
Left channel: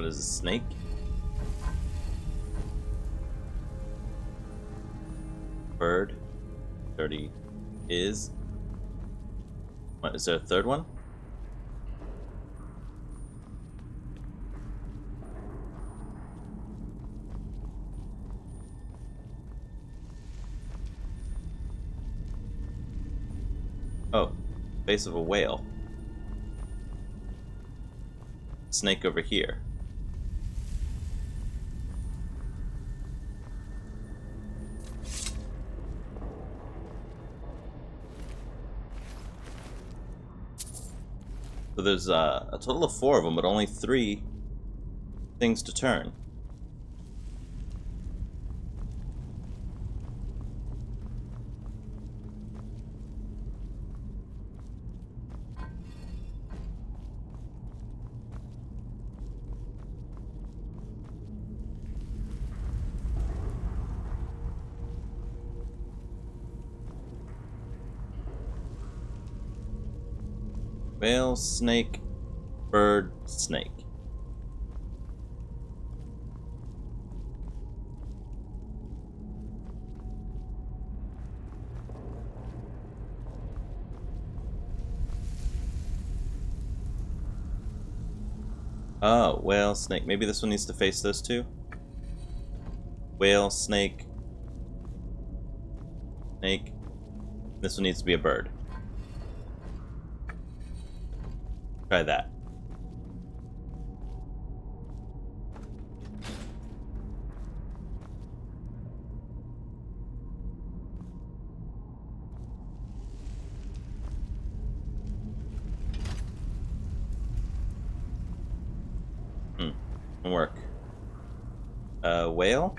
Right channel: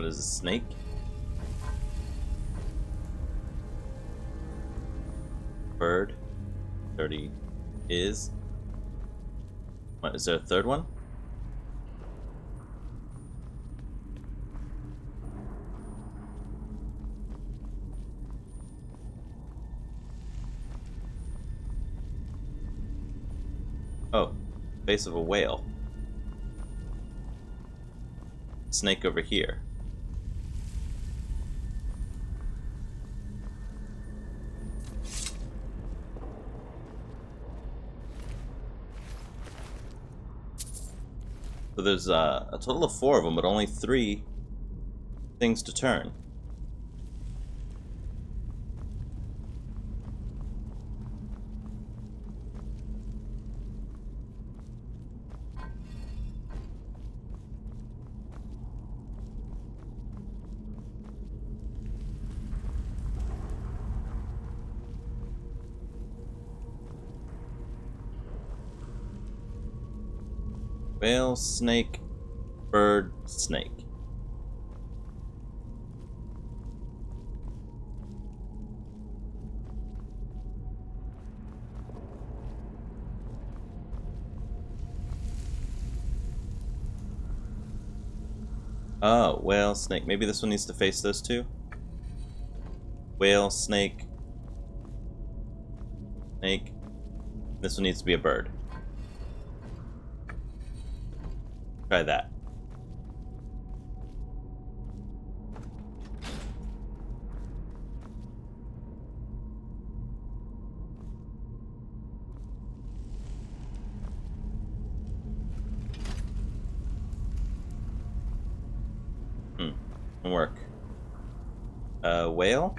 What is a snake? Bird. 30 is. What, is there a third one? Oh, face of a whale. Snake over here. So there's a total of 4 of them, but only 3 things to turn. Whale, snake, bird, snake. Oh, whale, snake. Maybe this one needs to face those two? Whale, snake, snake. This one needs to be a bird. Try that. Work. Whale?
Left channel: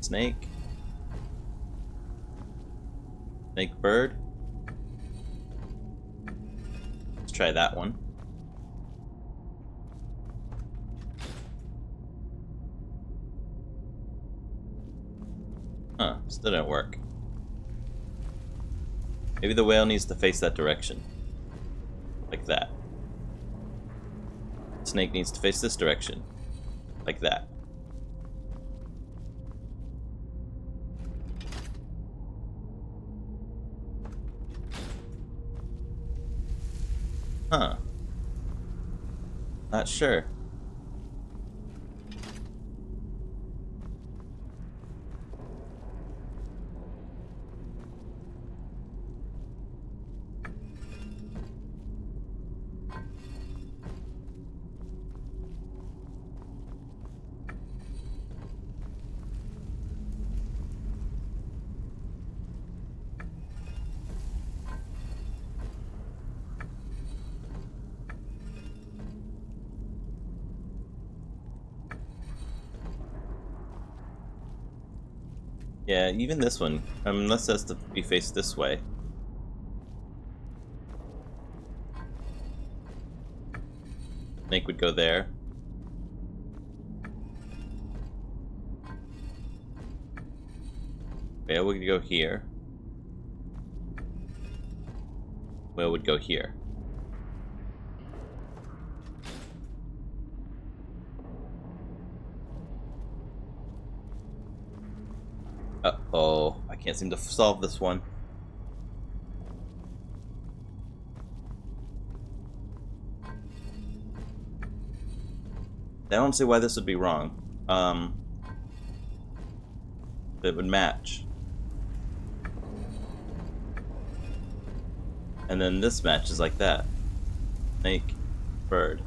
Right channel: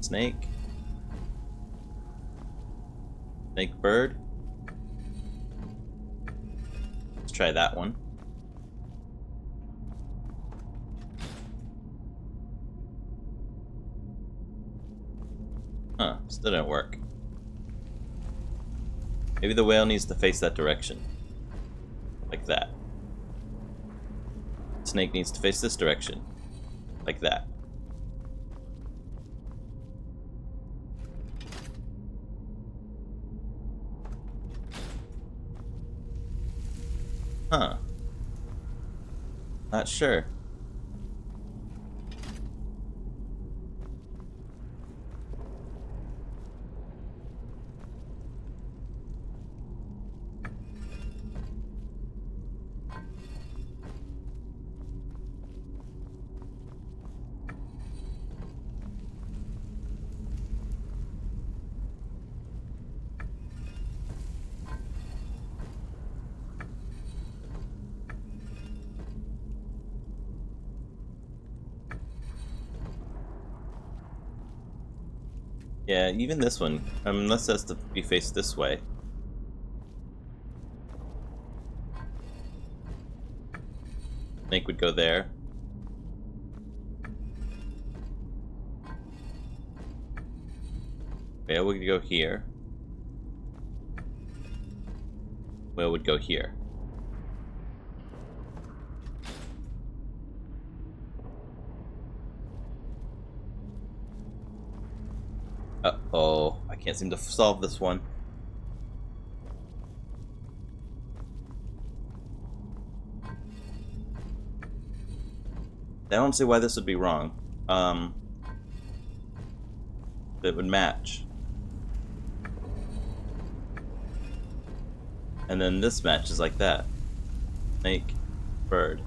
Snake? Snake bird? Let's try that one. Huh, still didn't work. Maybe the whale needs to face that direction. Like that. Snake needs to face this direction. Like that. Huh. Not sure. Yeah, even this one, unless that's to be faced this way. Snake would go there. Whale would go here. Whale would go here. Uh-oh, I can't seem to solve this one. I don't see why this would be wrong. It would match. And then this matches like that. Snake, bird.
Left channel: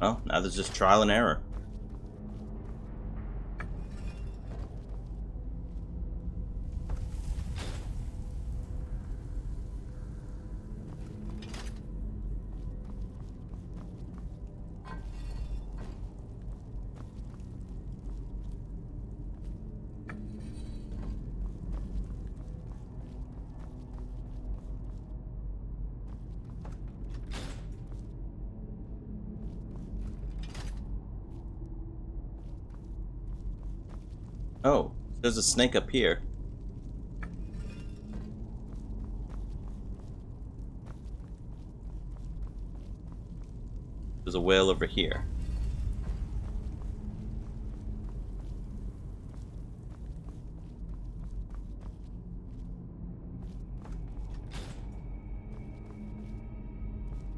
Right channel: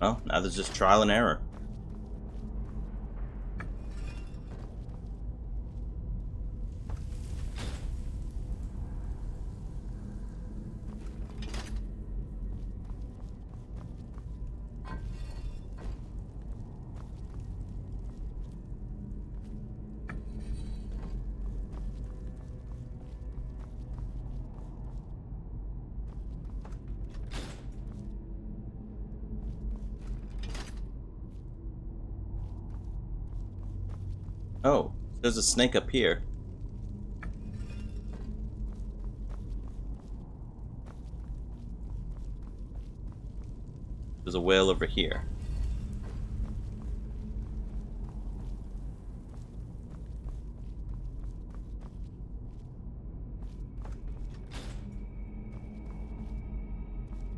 Well, now there's just trial and error. Oh, there's a snake up here. There's a whale over here.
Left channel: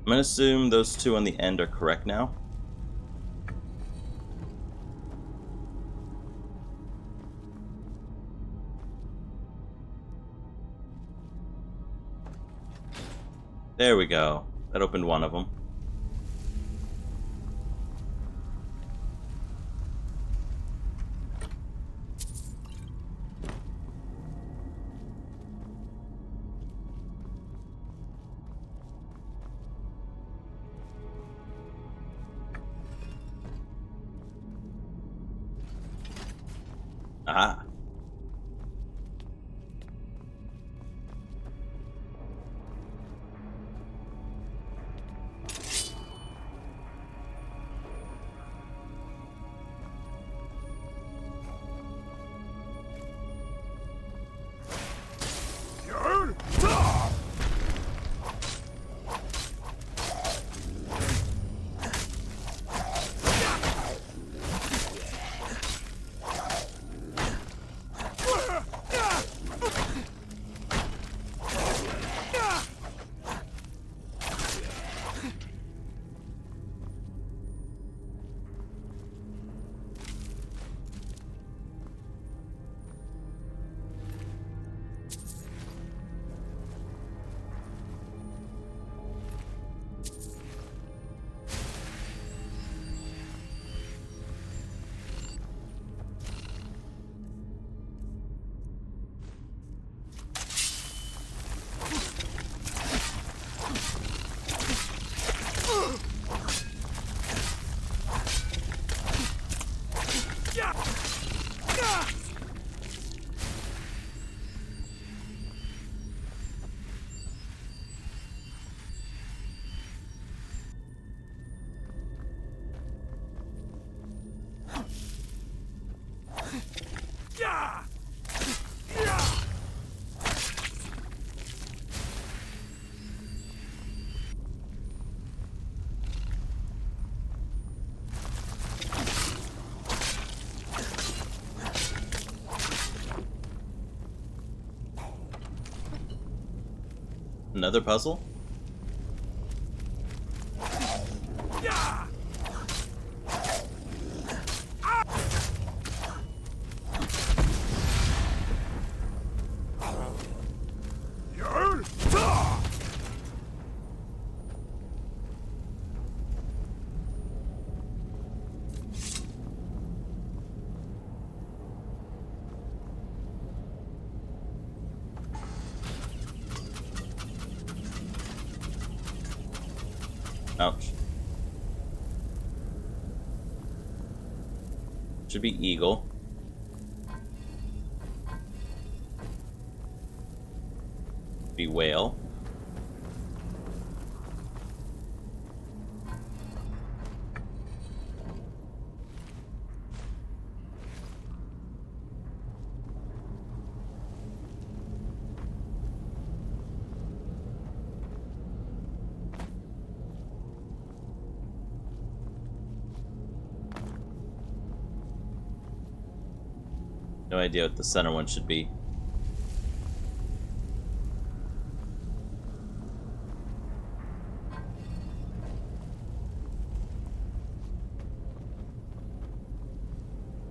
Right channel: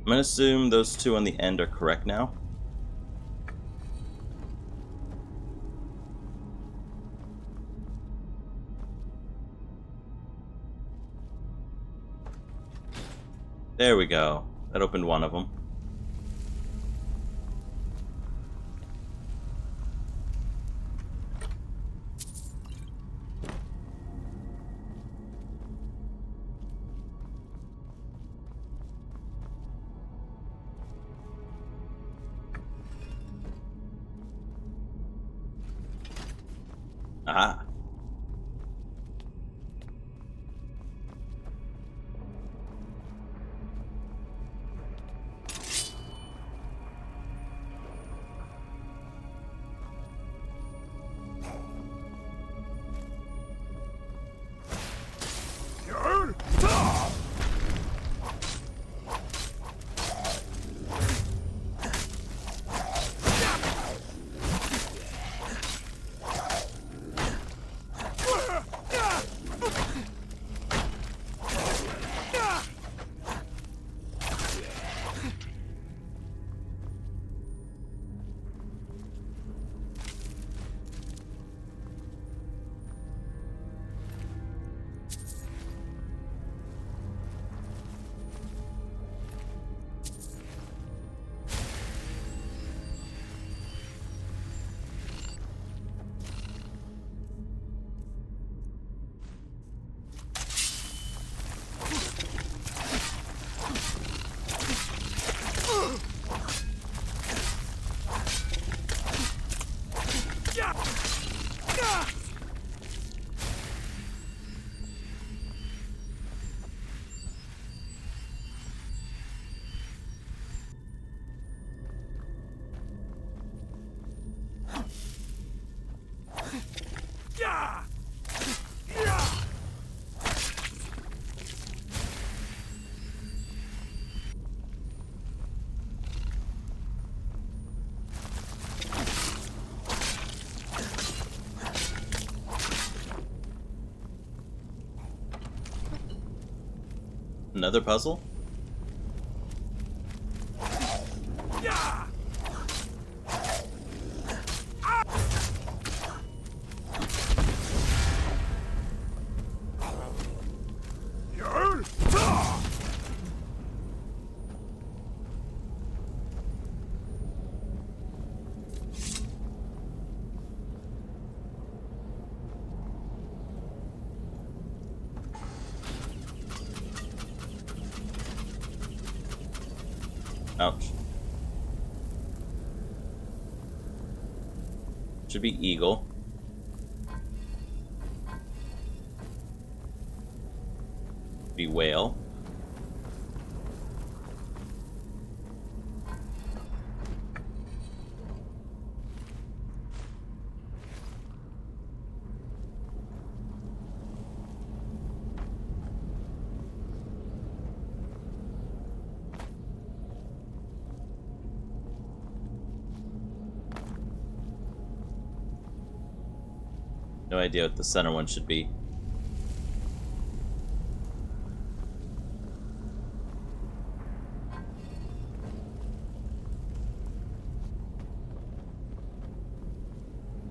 I'm gonna assume those two on the end are correct now. There we go. That opened one of them. Aha. Another puzzle? Ouch. Should be eagle. Be whale. No idea what the center one should be.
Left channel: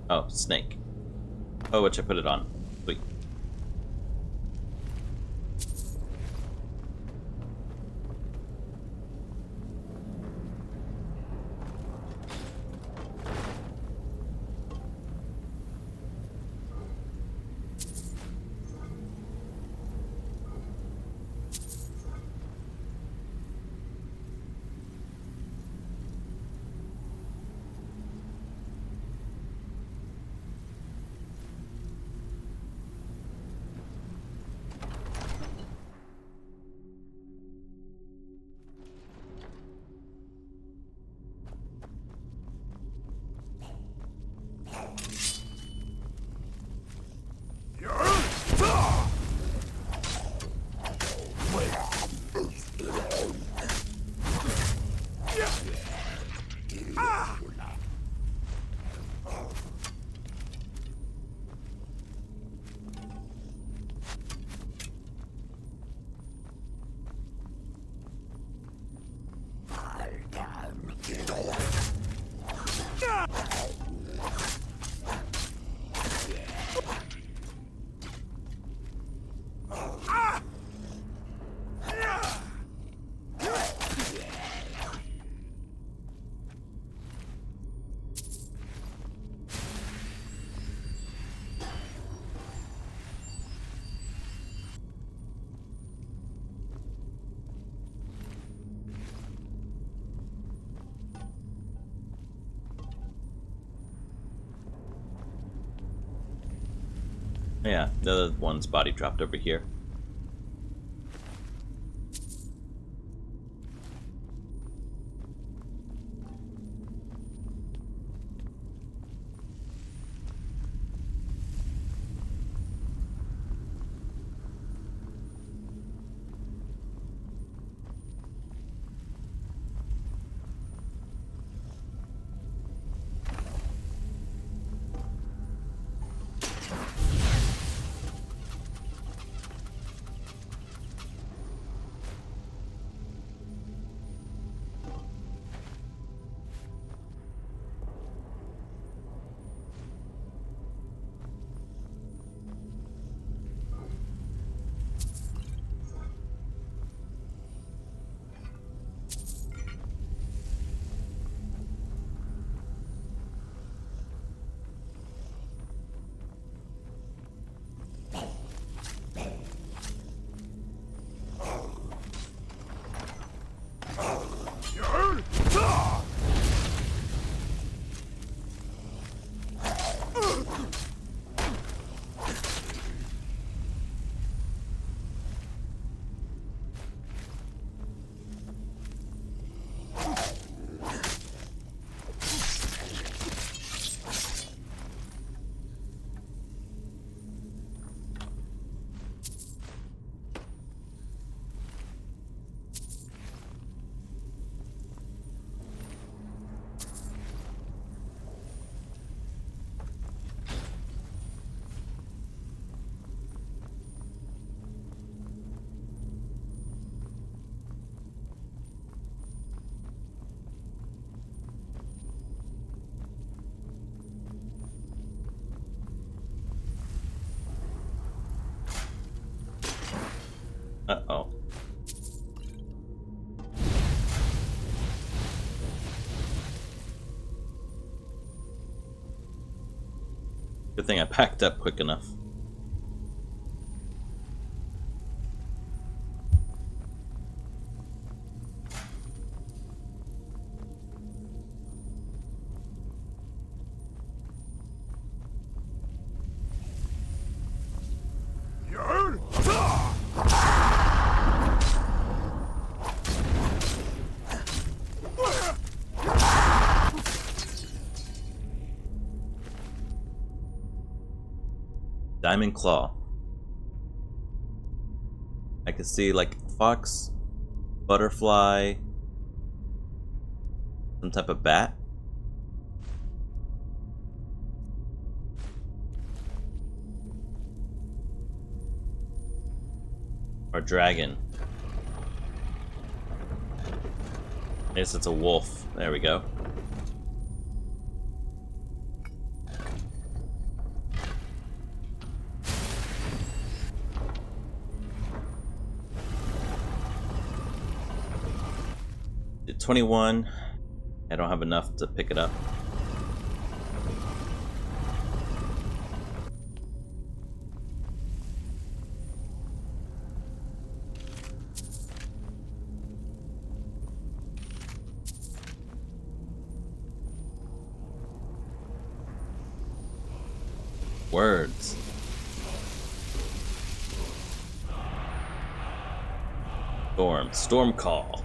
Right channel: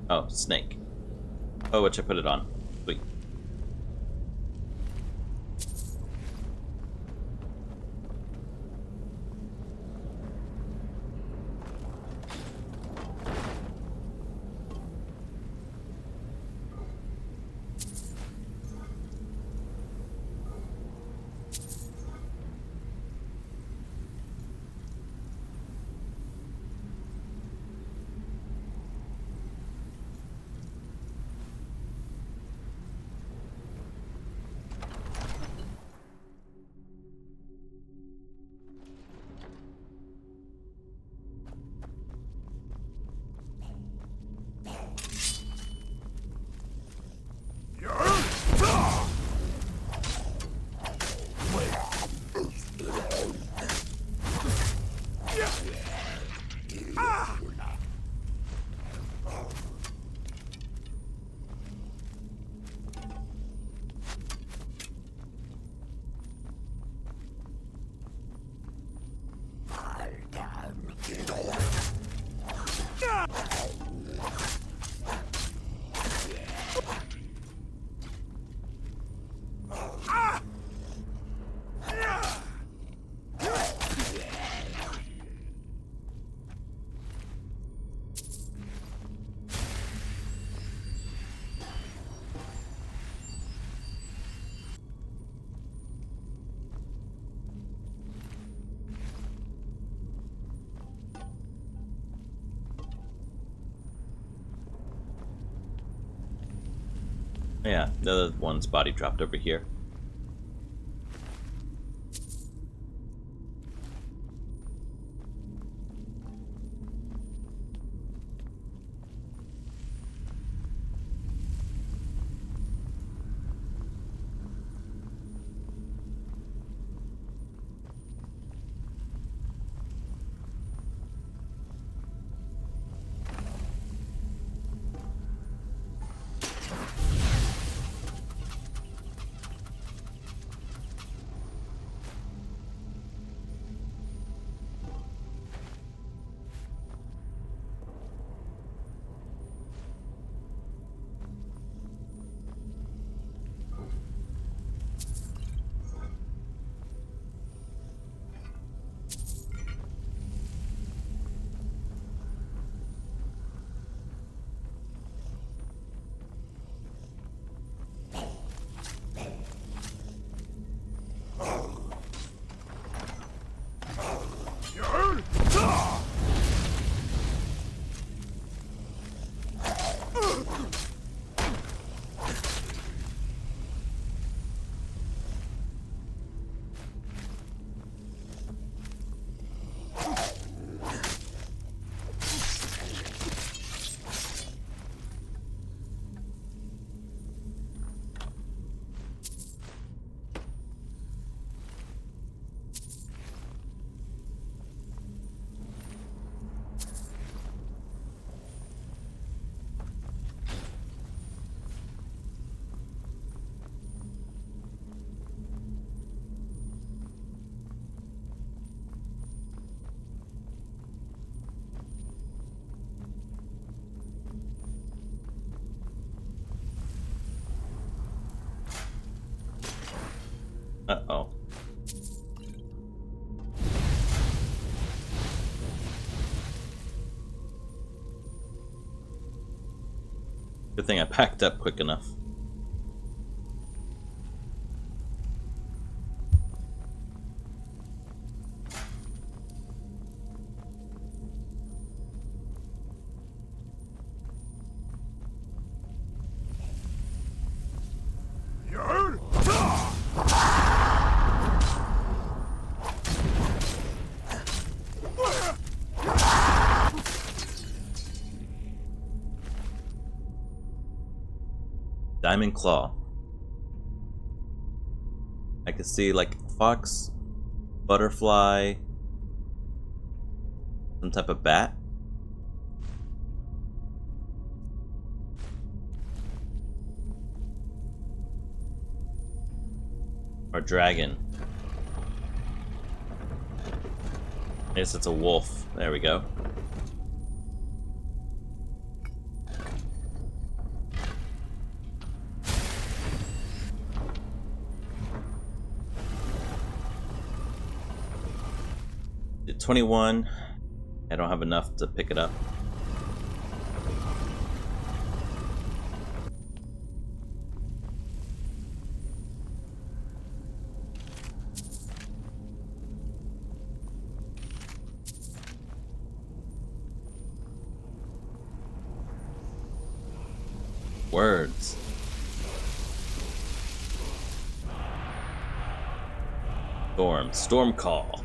Oh, snake. Oh, which I put it on. Sweet. Yeah, the other one's body dropped over here. Uh-oh. Good thing I packed up quick enough. Diamond Claw. I can see like fox, butterfly, some type of bat. Or dragon. I guess it's a wolf. There we go. Did 21. I don't have enough to pick it up. Words. Storm call.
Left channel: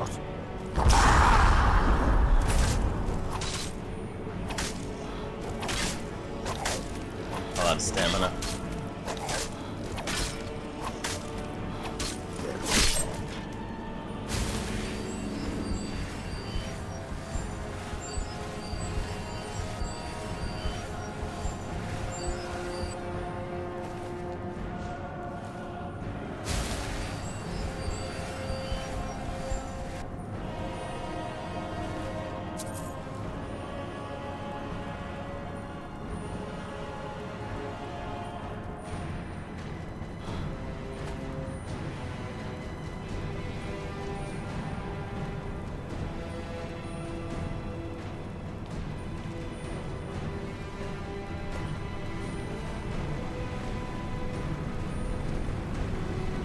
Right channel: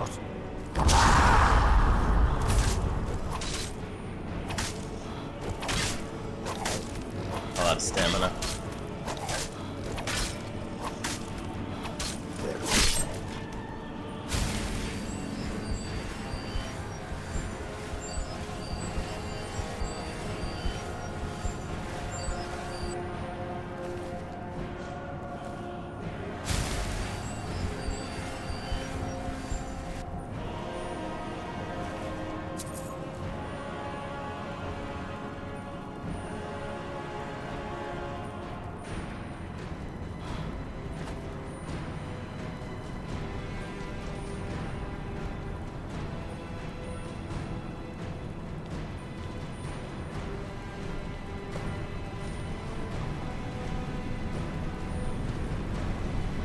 A lot of stamina.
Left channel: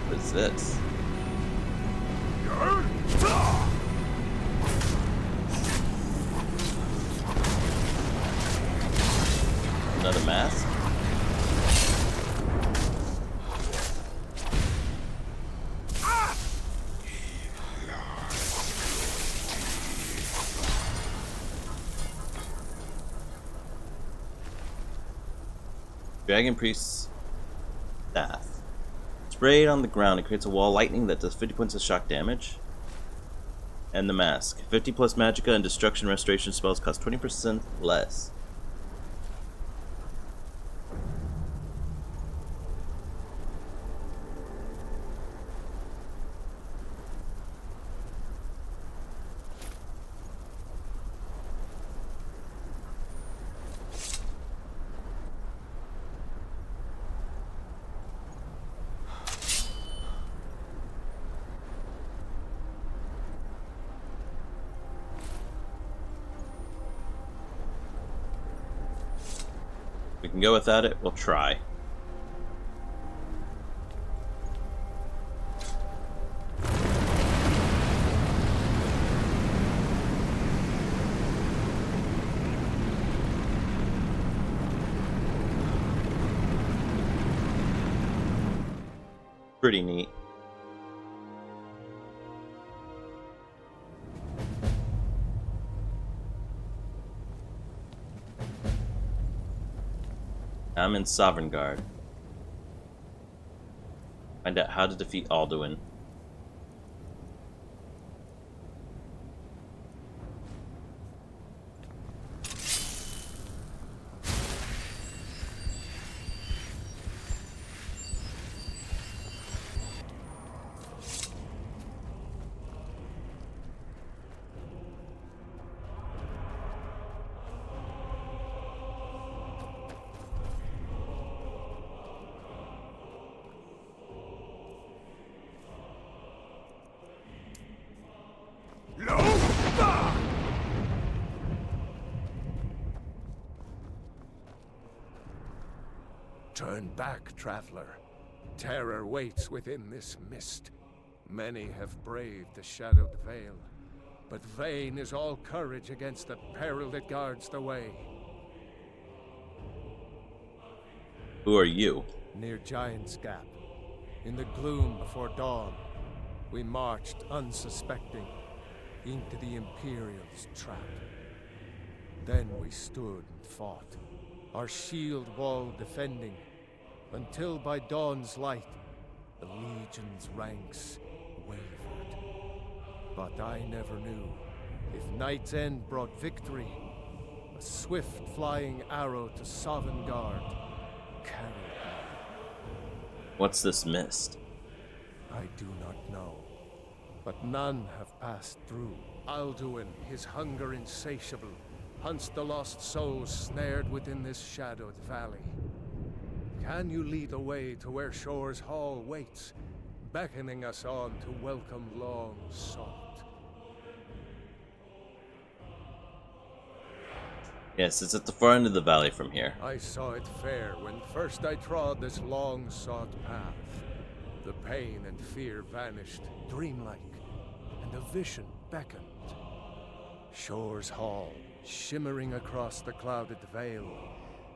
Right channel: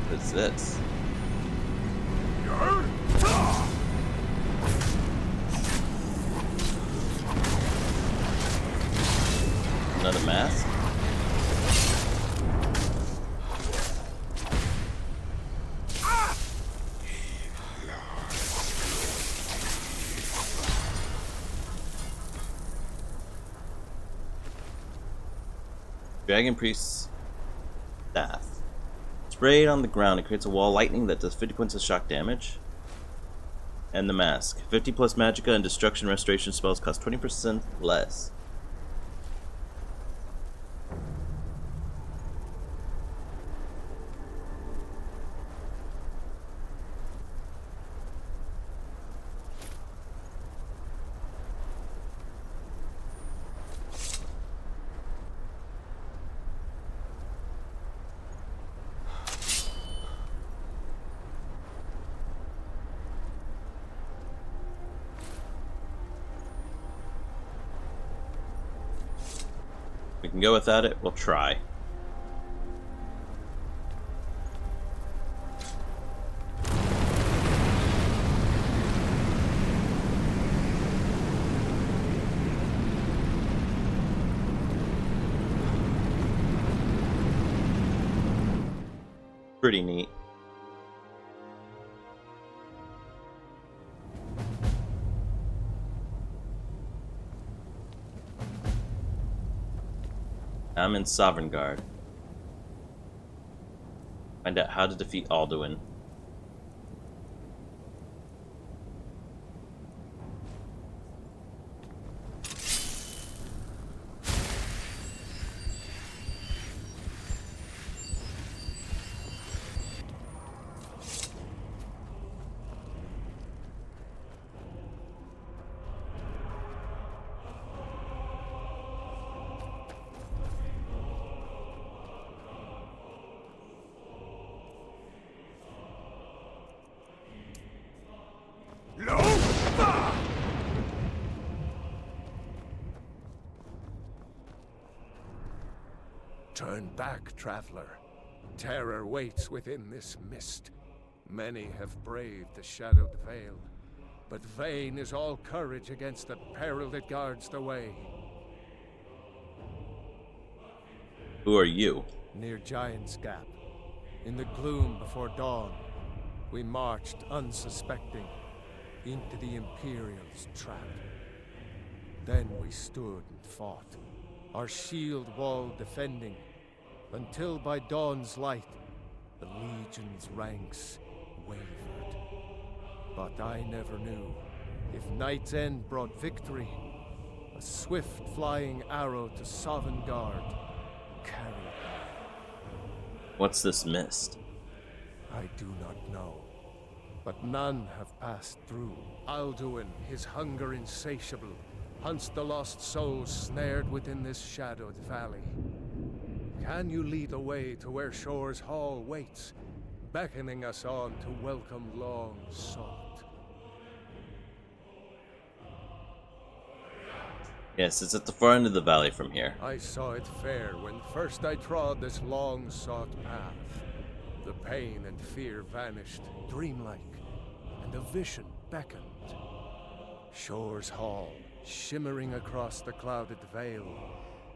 What is this? Another mask? Dragon Priest's staff. Sprayed on the ground, it creates a wall lightning that does 50 points of shock damage. And the mask. 50 plus magicka and destruction restoration spells cost 20% less. We can go without it, we'll try. Pretty neat. I'm in Sovereign Guard. Find out how to defeat Alduin. Turn back, traveler. Terror waits within this mist. Many have braved the shadowed veil, but vain is all courage against the peril that guards the way. Who are you? Near Giant's Gap, in the gloom before dawn, we marched unsuspecting into the Imperial's trap. Then we stood and fought, our shield wall defending, until by dawn's light, the Legion's ranks wavered. But I never knew if Night's End brought victory, a swift flying arrow to Sovngarde carried me. What's this mist? I do not know, but none have passed through. Alduin, his hunger insatiable, hunts the lost souls snared within this shadowed valley. Can you lead the way to where Shore's Hall waits, beckoning us on to welcome long sought? Yes, it's at the far end of the valley from here. I saw it fair when first I trod this long sought path. The pain and fear vanished, dreamlike, and a vision beckoned. Shore's Hall, shimmering across the clouded veil,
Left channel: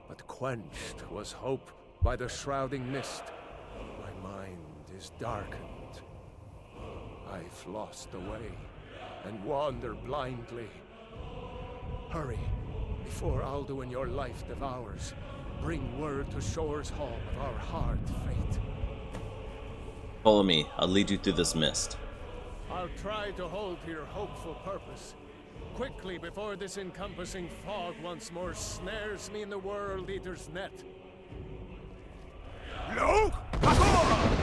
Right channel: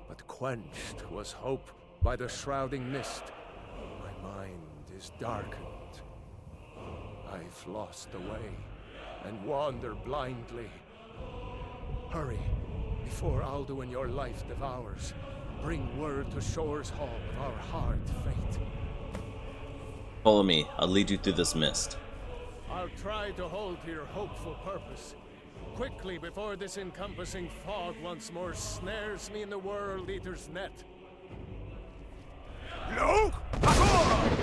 but quenched was hope by the shrouding mist. My mind is darkened. I've lost the way. and wander blindly. Hurry, before Alduin your life devours. Bring word to Shore's Hall of our hard fate. Follow me. I'll lead you through this mist. I'll try to hold to your hopeful purpose. Quickly, before this encompassing fog once more snares me in the World Eater's net. Luke! Hakora!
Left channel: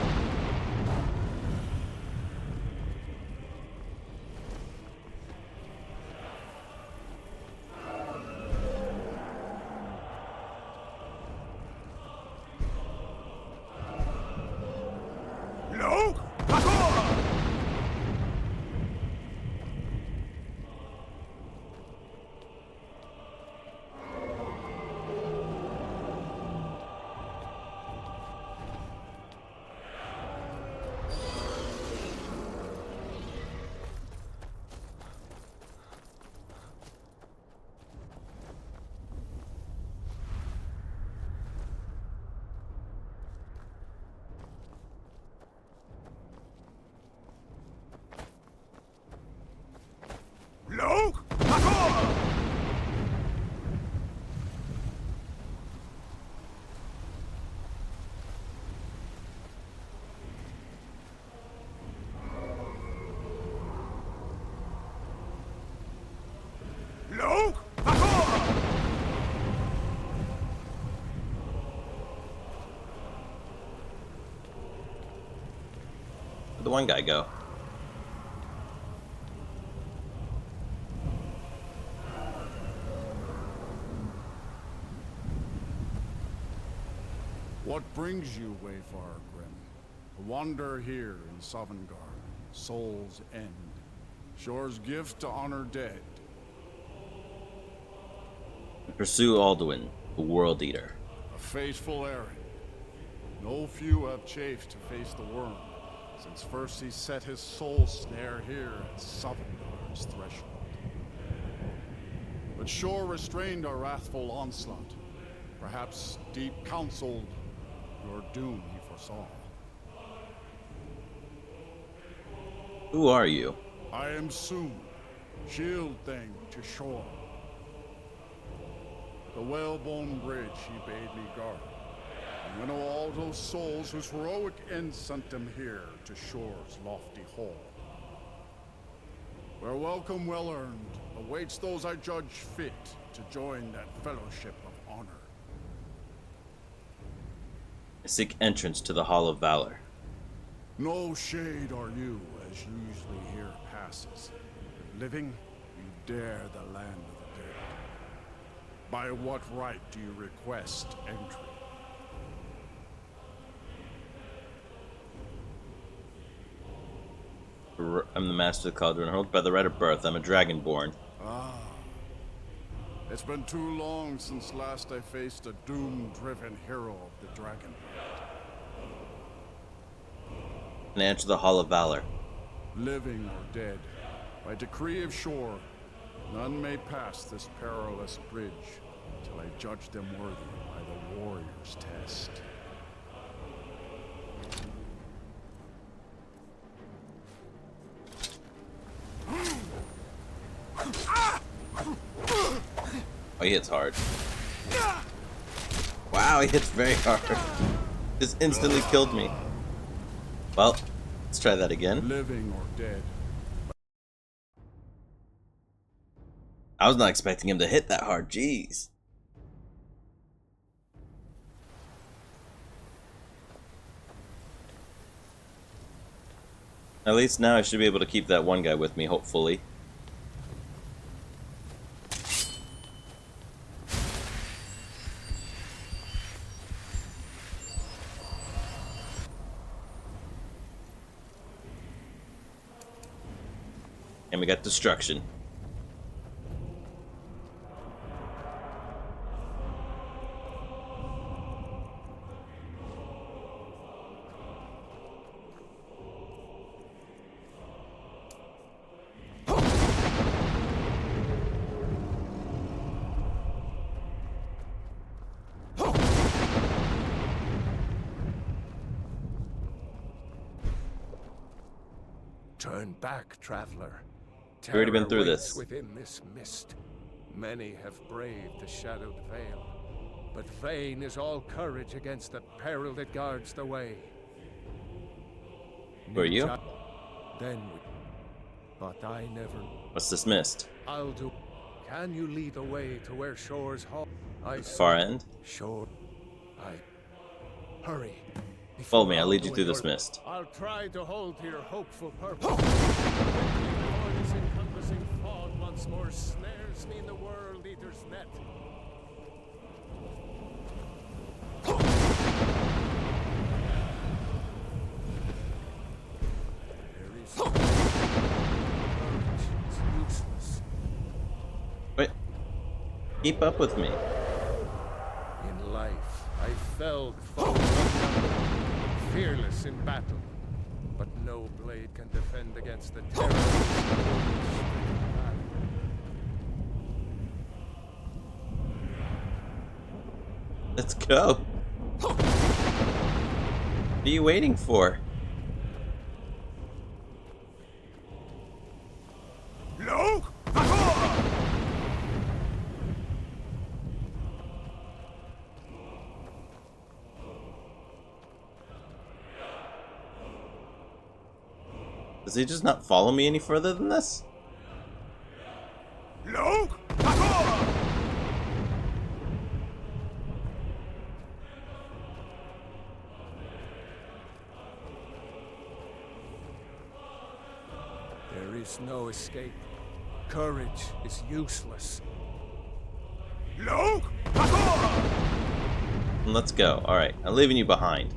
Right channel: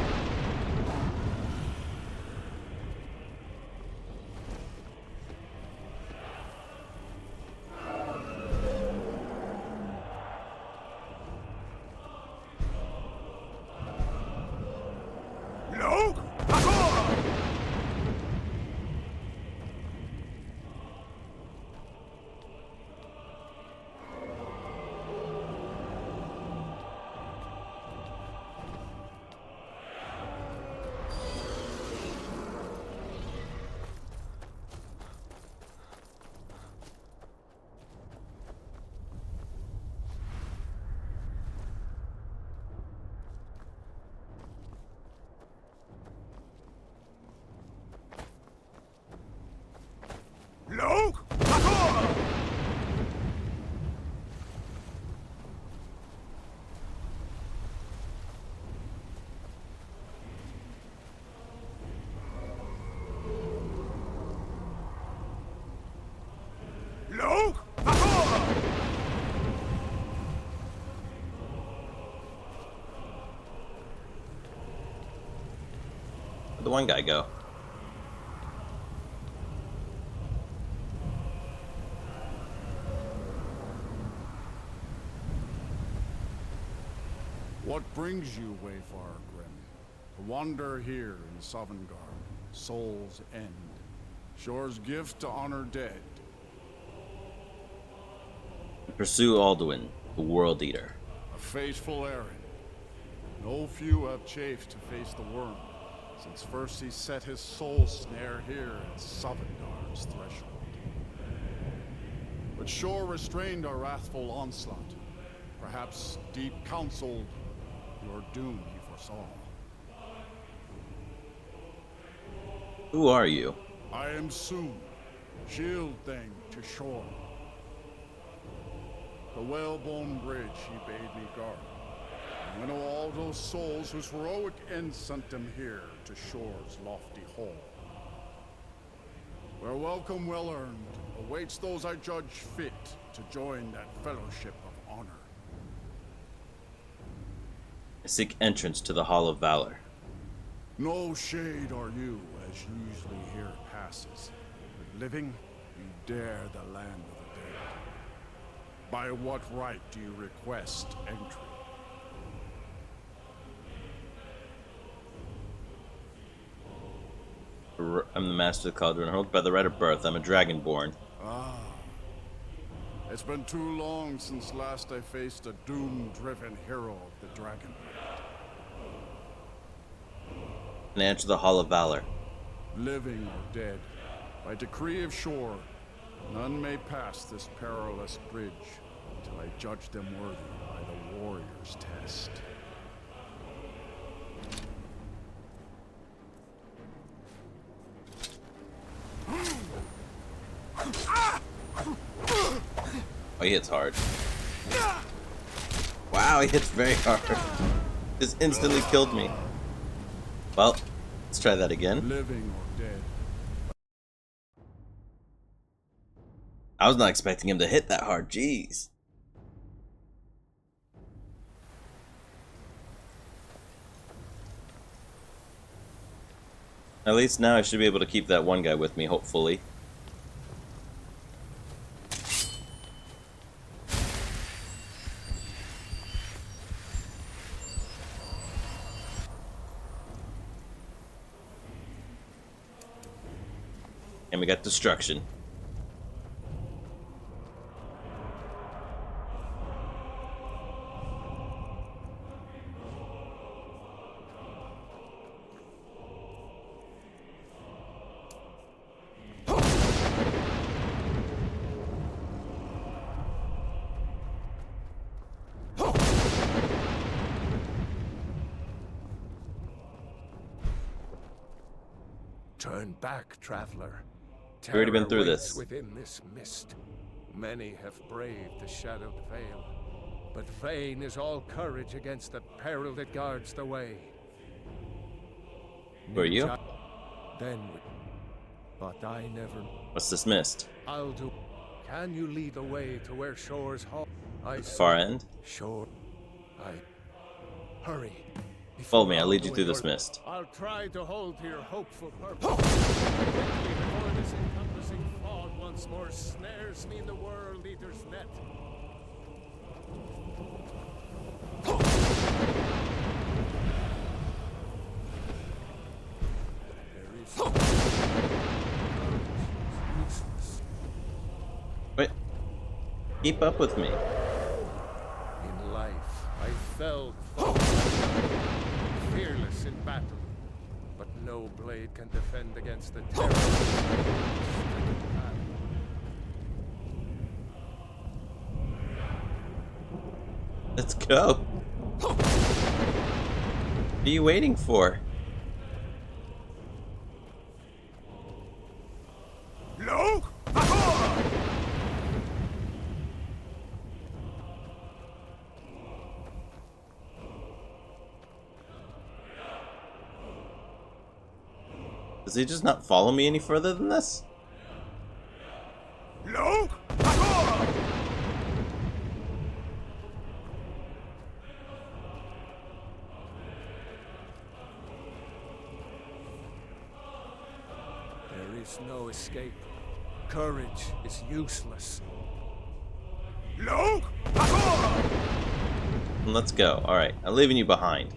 Luke! Hakora! Luke! Hakora! Luke! Hakora! Where'd the one guy go? What brings you, Wayfarer Grim? To wander here in Sovngarde, Soul's End, Shore's gift to honor dead. To pursue Alduin, the World Eater. A fateful errand. No few have chafed to face the worm, since first he set his soul snare here at Sovngarde's threshold. But Shore restrained our wrathful onslaught. Perhaps deep counseled your doom he foresaw. Who are you? I am soon, shield thing to Shore. The whalebone bridge he bade me guard, and winnow all those souls whose heroic end sent them here to Shore's lofty hall. Where welcome well earned awaits those I judge fit to join that fellowship of honor. I seek entrance to the Hall of Valor. No shade are you, as usually here passes. But living, you dare the land of the dead. By what right do you request entry? I'm the master of the Cauldron, held by the right of birth. I'm a dragonborn. Ah. It's been too long since last I faced a doom-driven hero of the Dragonblade. And I enter the Hall of Valor. Living or dead, by decree of Shore, none may pass this perilous bridge till I judge them worthy by the warrior's test. Oh, he hits hard. Wow, he hits very hard. Just instantly killed me. Well, let's try that again. Living or dead. I was not expecting him to hit that hard, jeez. At least now I should be able to keep that one guy with me, hopefully. And we got destruction. Turn back, traveler. We've already been through this. Within this mist, many have braved the shadowed veil, but vain is all courage against the peril that guards the way. Who are you? Then we... But I never... What's this mist? I'll do... Can you lead the way to where Shore's hall? The far end? Shore... Hurry. Follow me, I'll lead you through this mist. I'll try to hold to your hopeful purpose. Quickly, before this encompassing fog once more snares me in the World Eater's net. There is courage is useless. Wait. Keep up with me. In life, I felled foes unnumbered, fearless in battle, but no blade can defend against the terror of this wound-stricken valley. Let's go. What are you waiting for? Look! Does he just not follow me any further than this? Look! There is no escape. Courage is useless. Look! Let's go. Alright, I'm leaving you behind.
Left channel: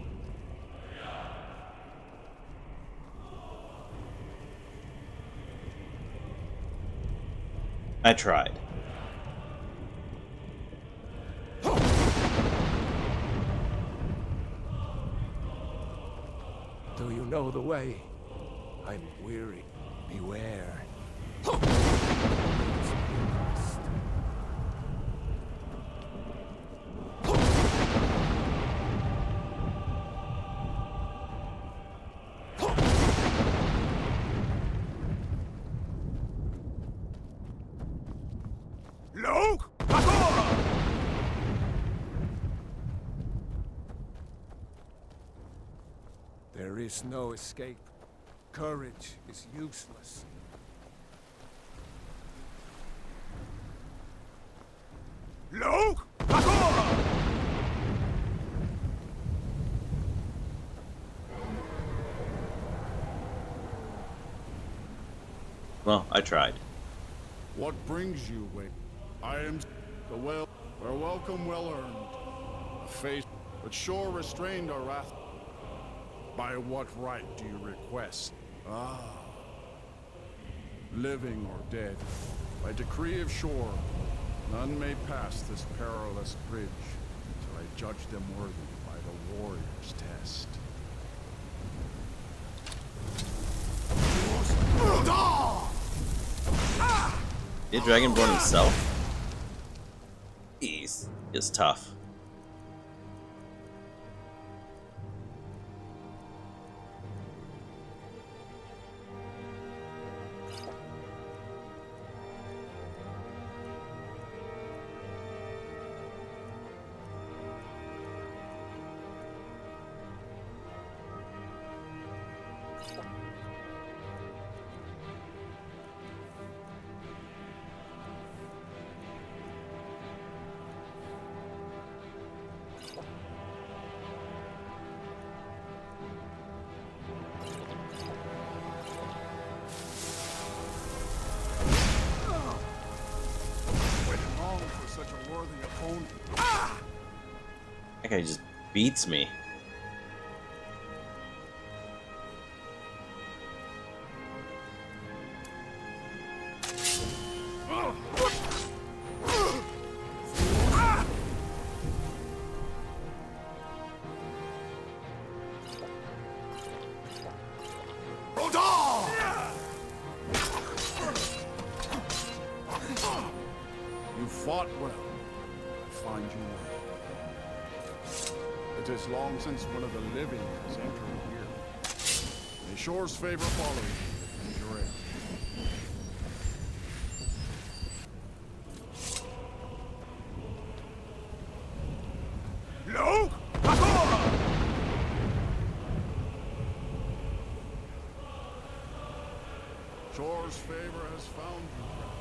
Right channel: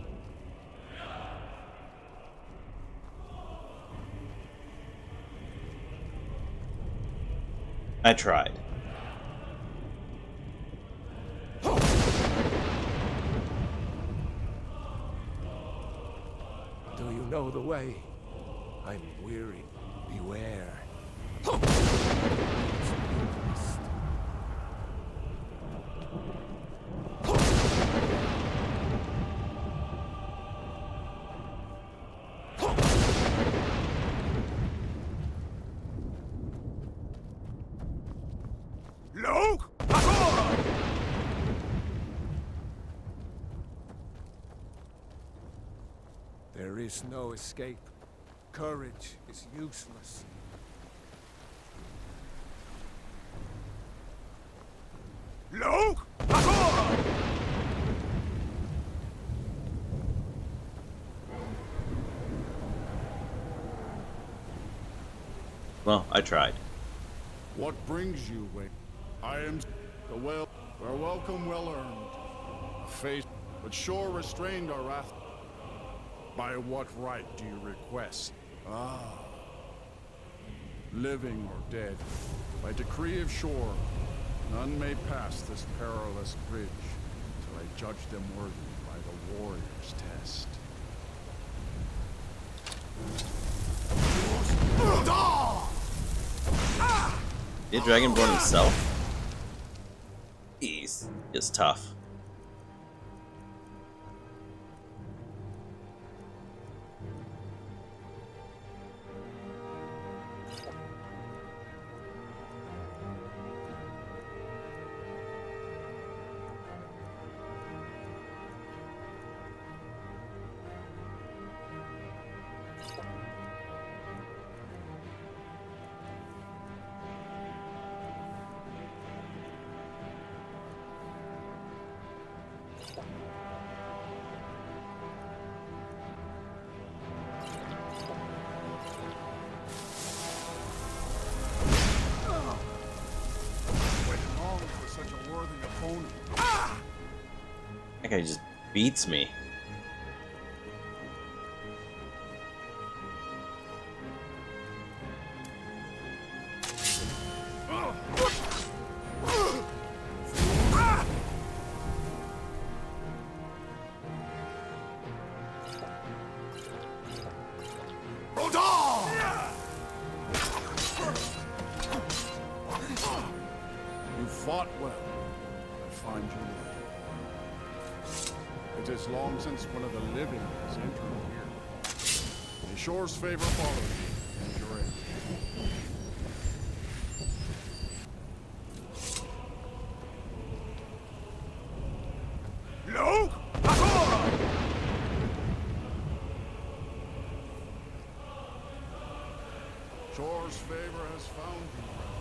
I tried. Do you know the way? I'm weary. Beware. Look! There is no escape. Courage is useless. Look! Well, I tried. What brings you, Wake? I am the well. Our welcome well earned. A face, but Shore restrained our wrath. By what right do you request? Living or dead, by decree of Shore, none may pass this perilous bridge till I judge them worthy by the warrior's test. The Dragonborn himself? He's tough. That guy just beats me. You fought well. I find you worthy. It is long since one of the living has entered here. May Shore's favor follow you and your end. Tor's favor has found you, Dragon.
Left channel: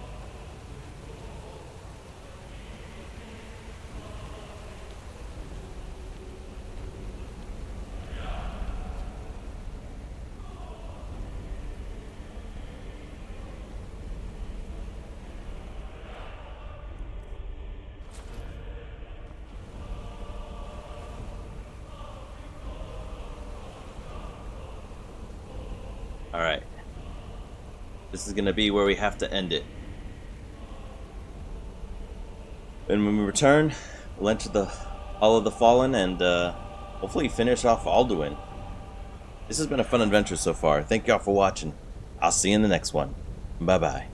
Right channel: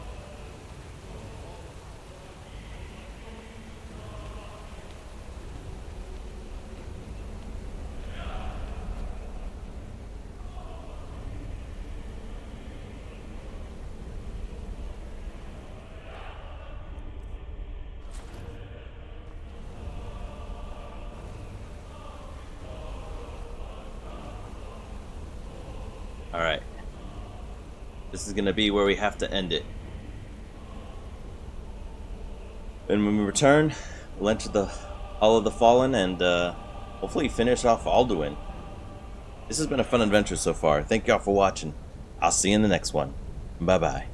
Alright. This is gonna be where we have to end it. And when we return, we'll enter the Hall of the Fallen and hopefully finish off Alduin. This has been a fun adventure so far. Thank y'all for watching. I'll see you in the next one. Bye bye.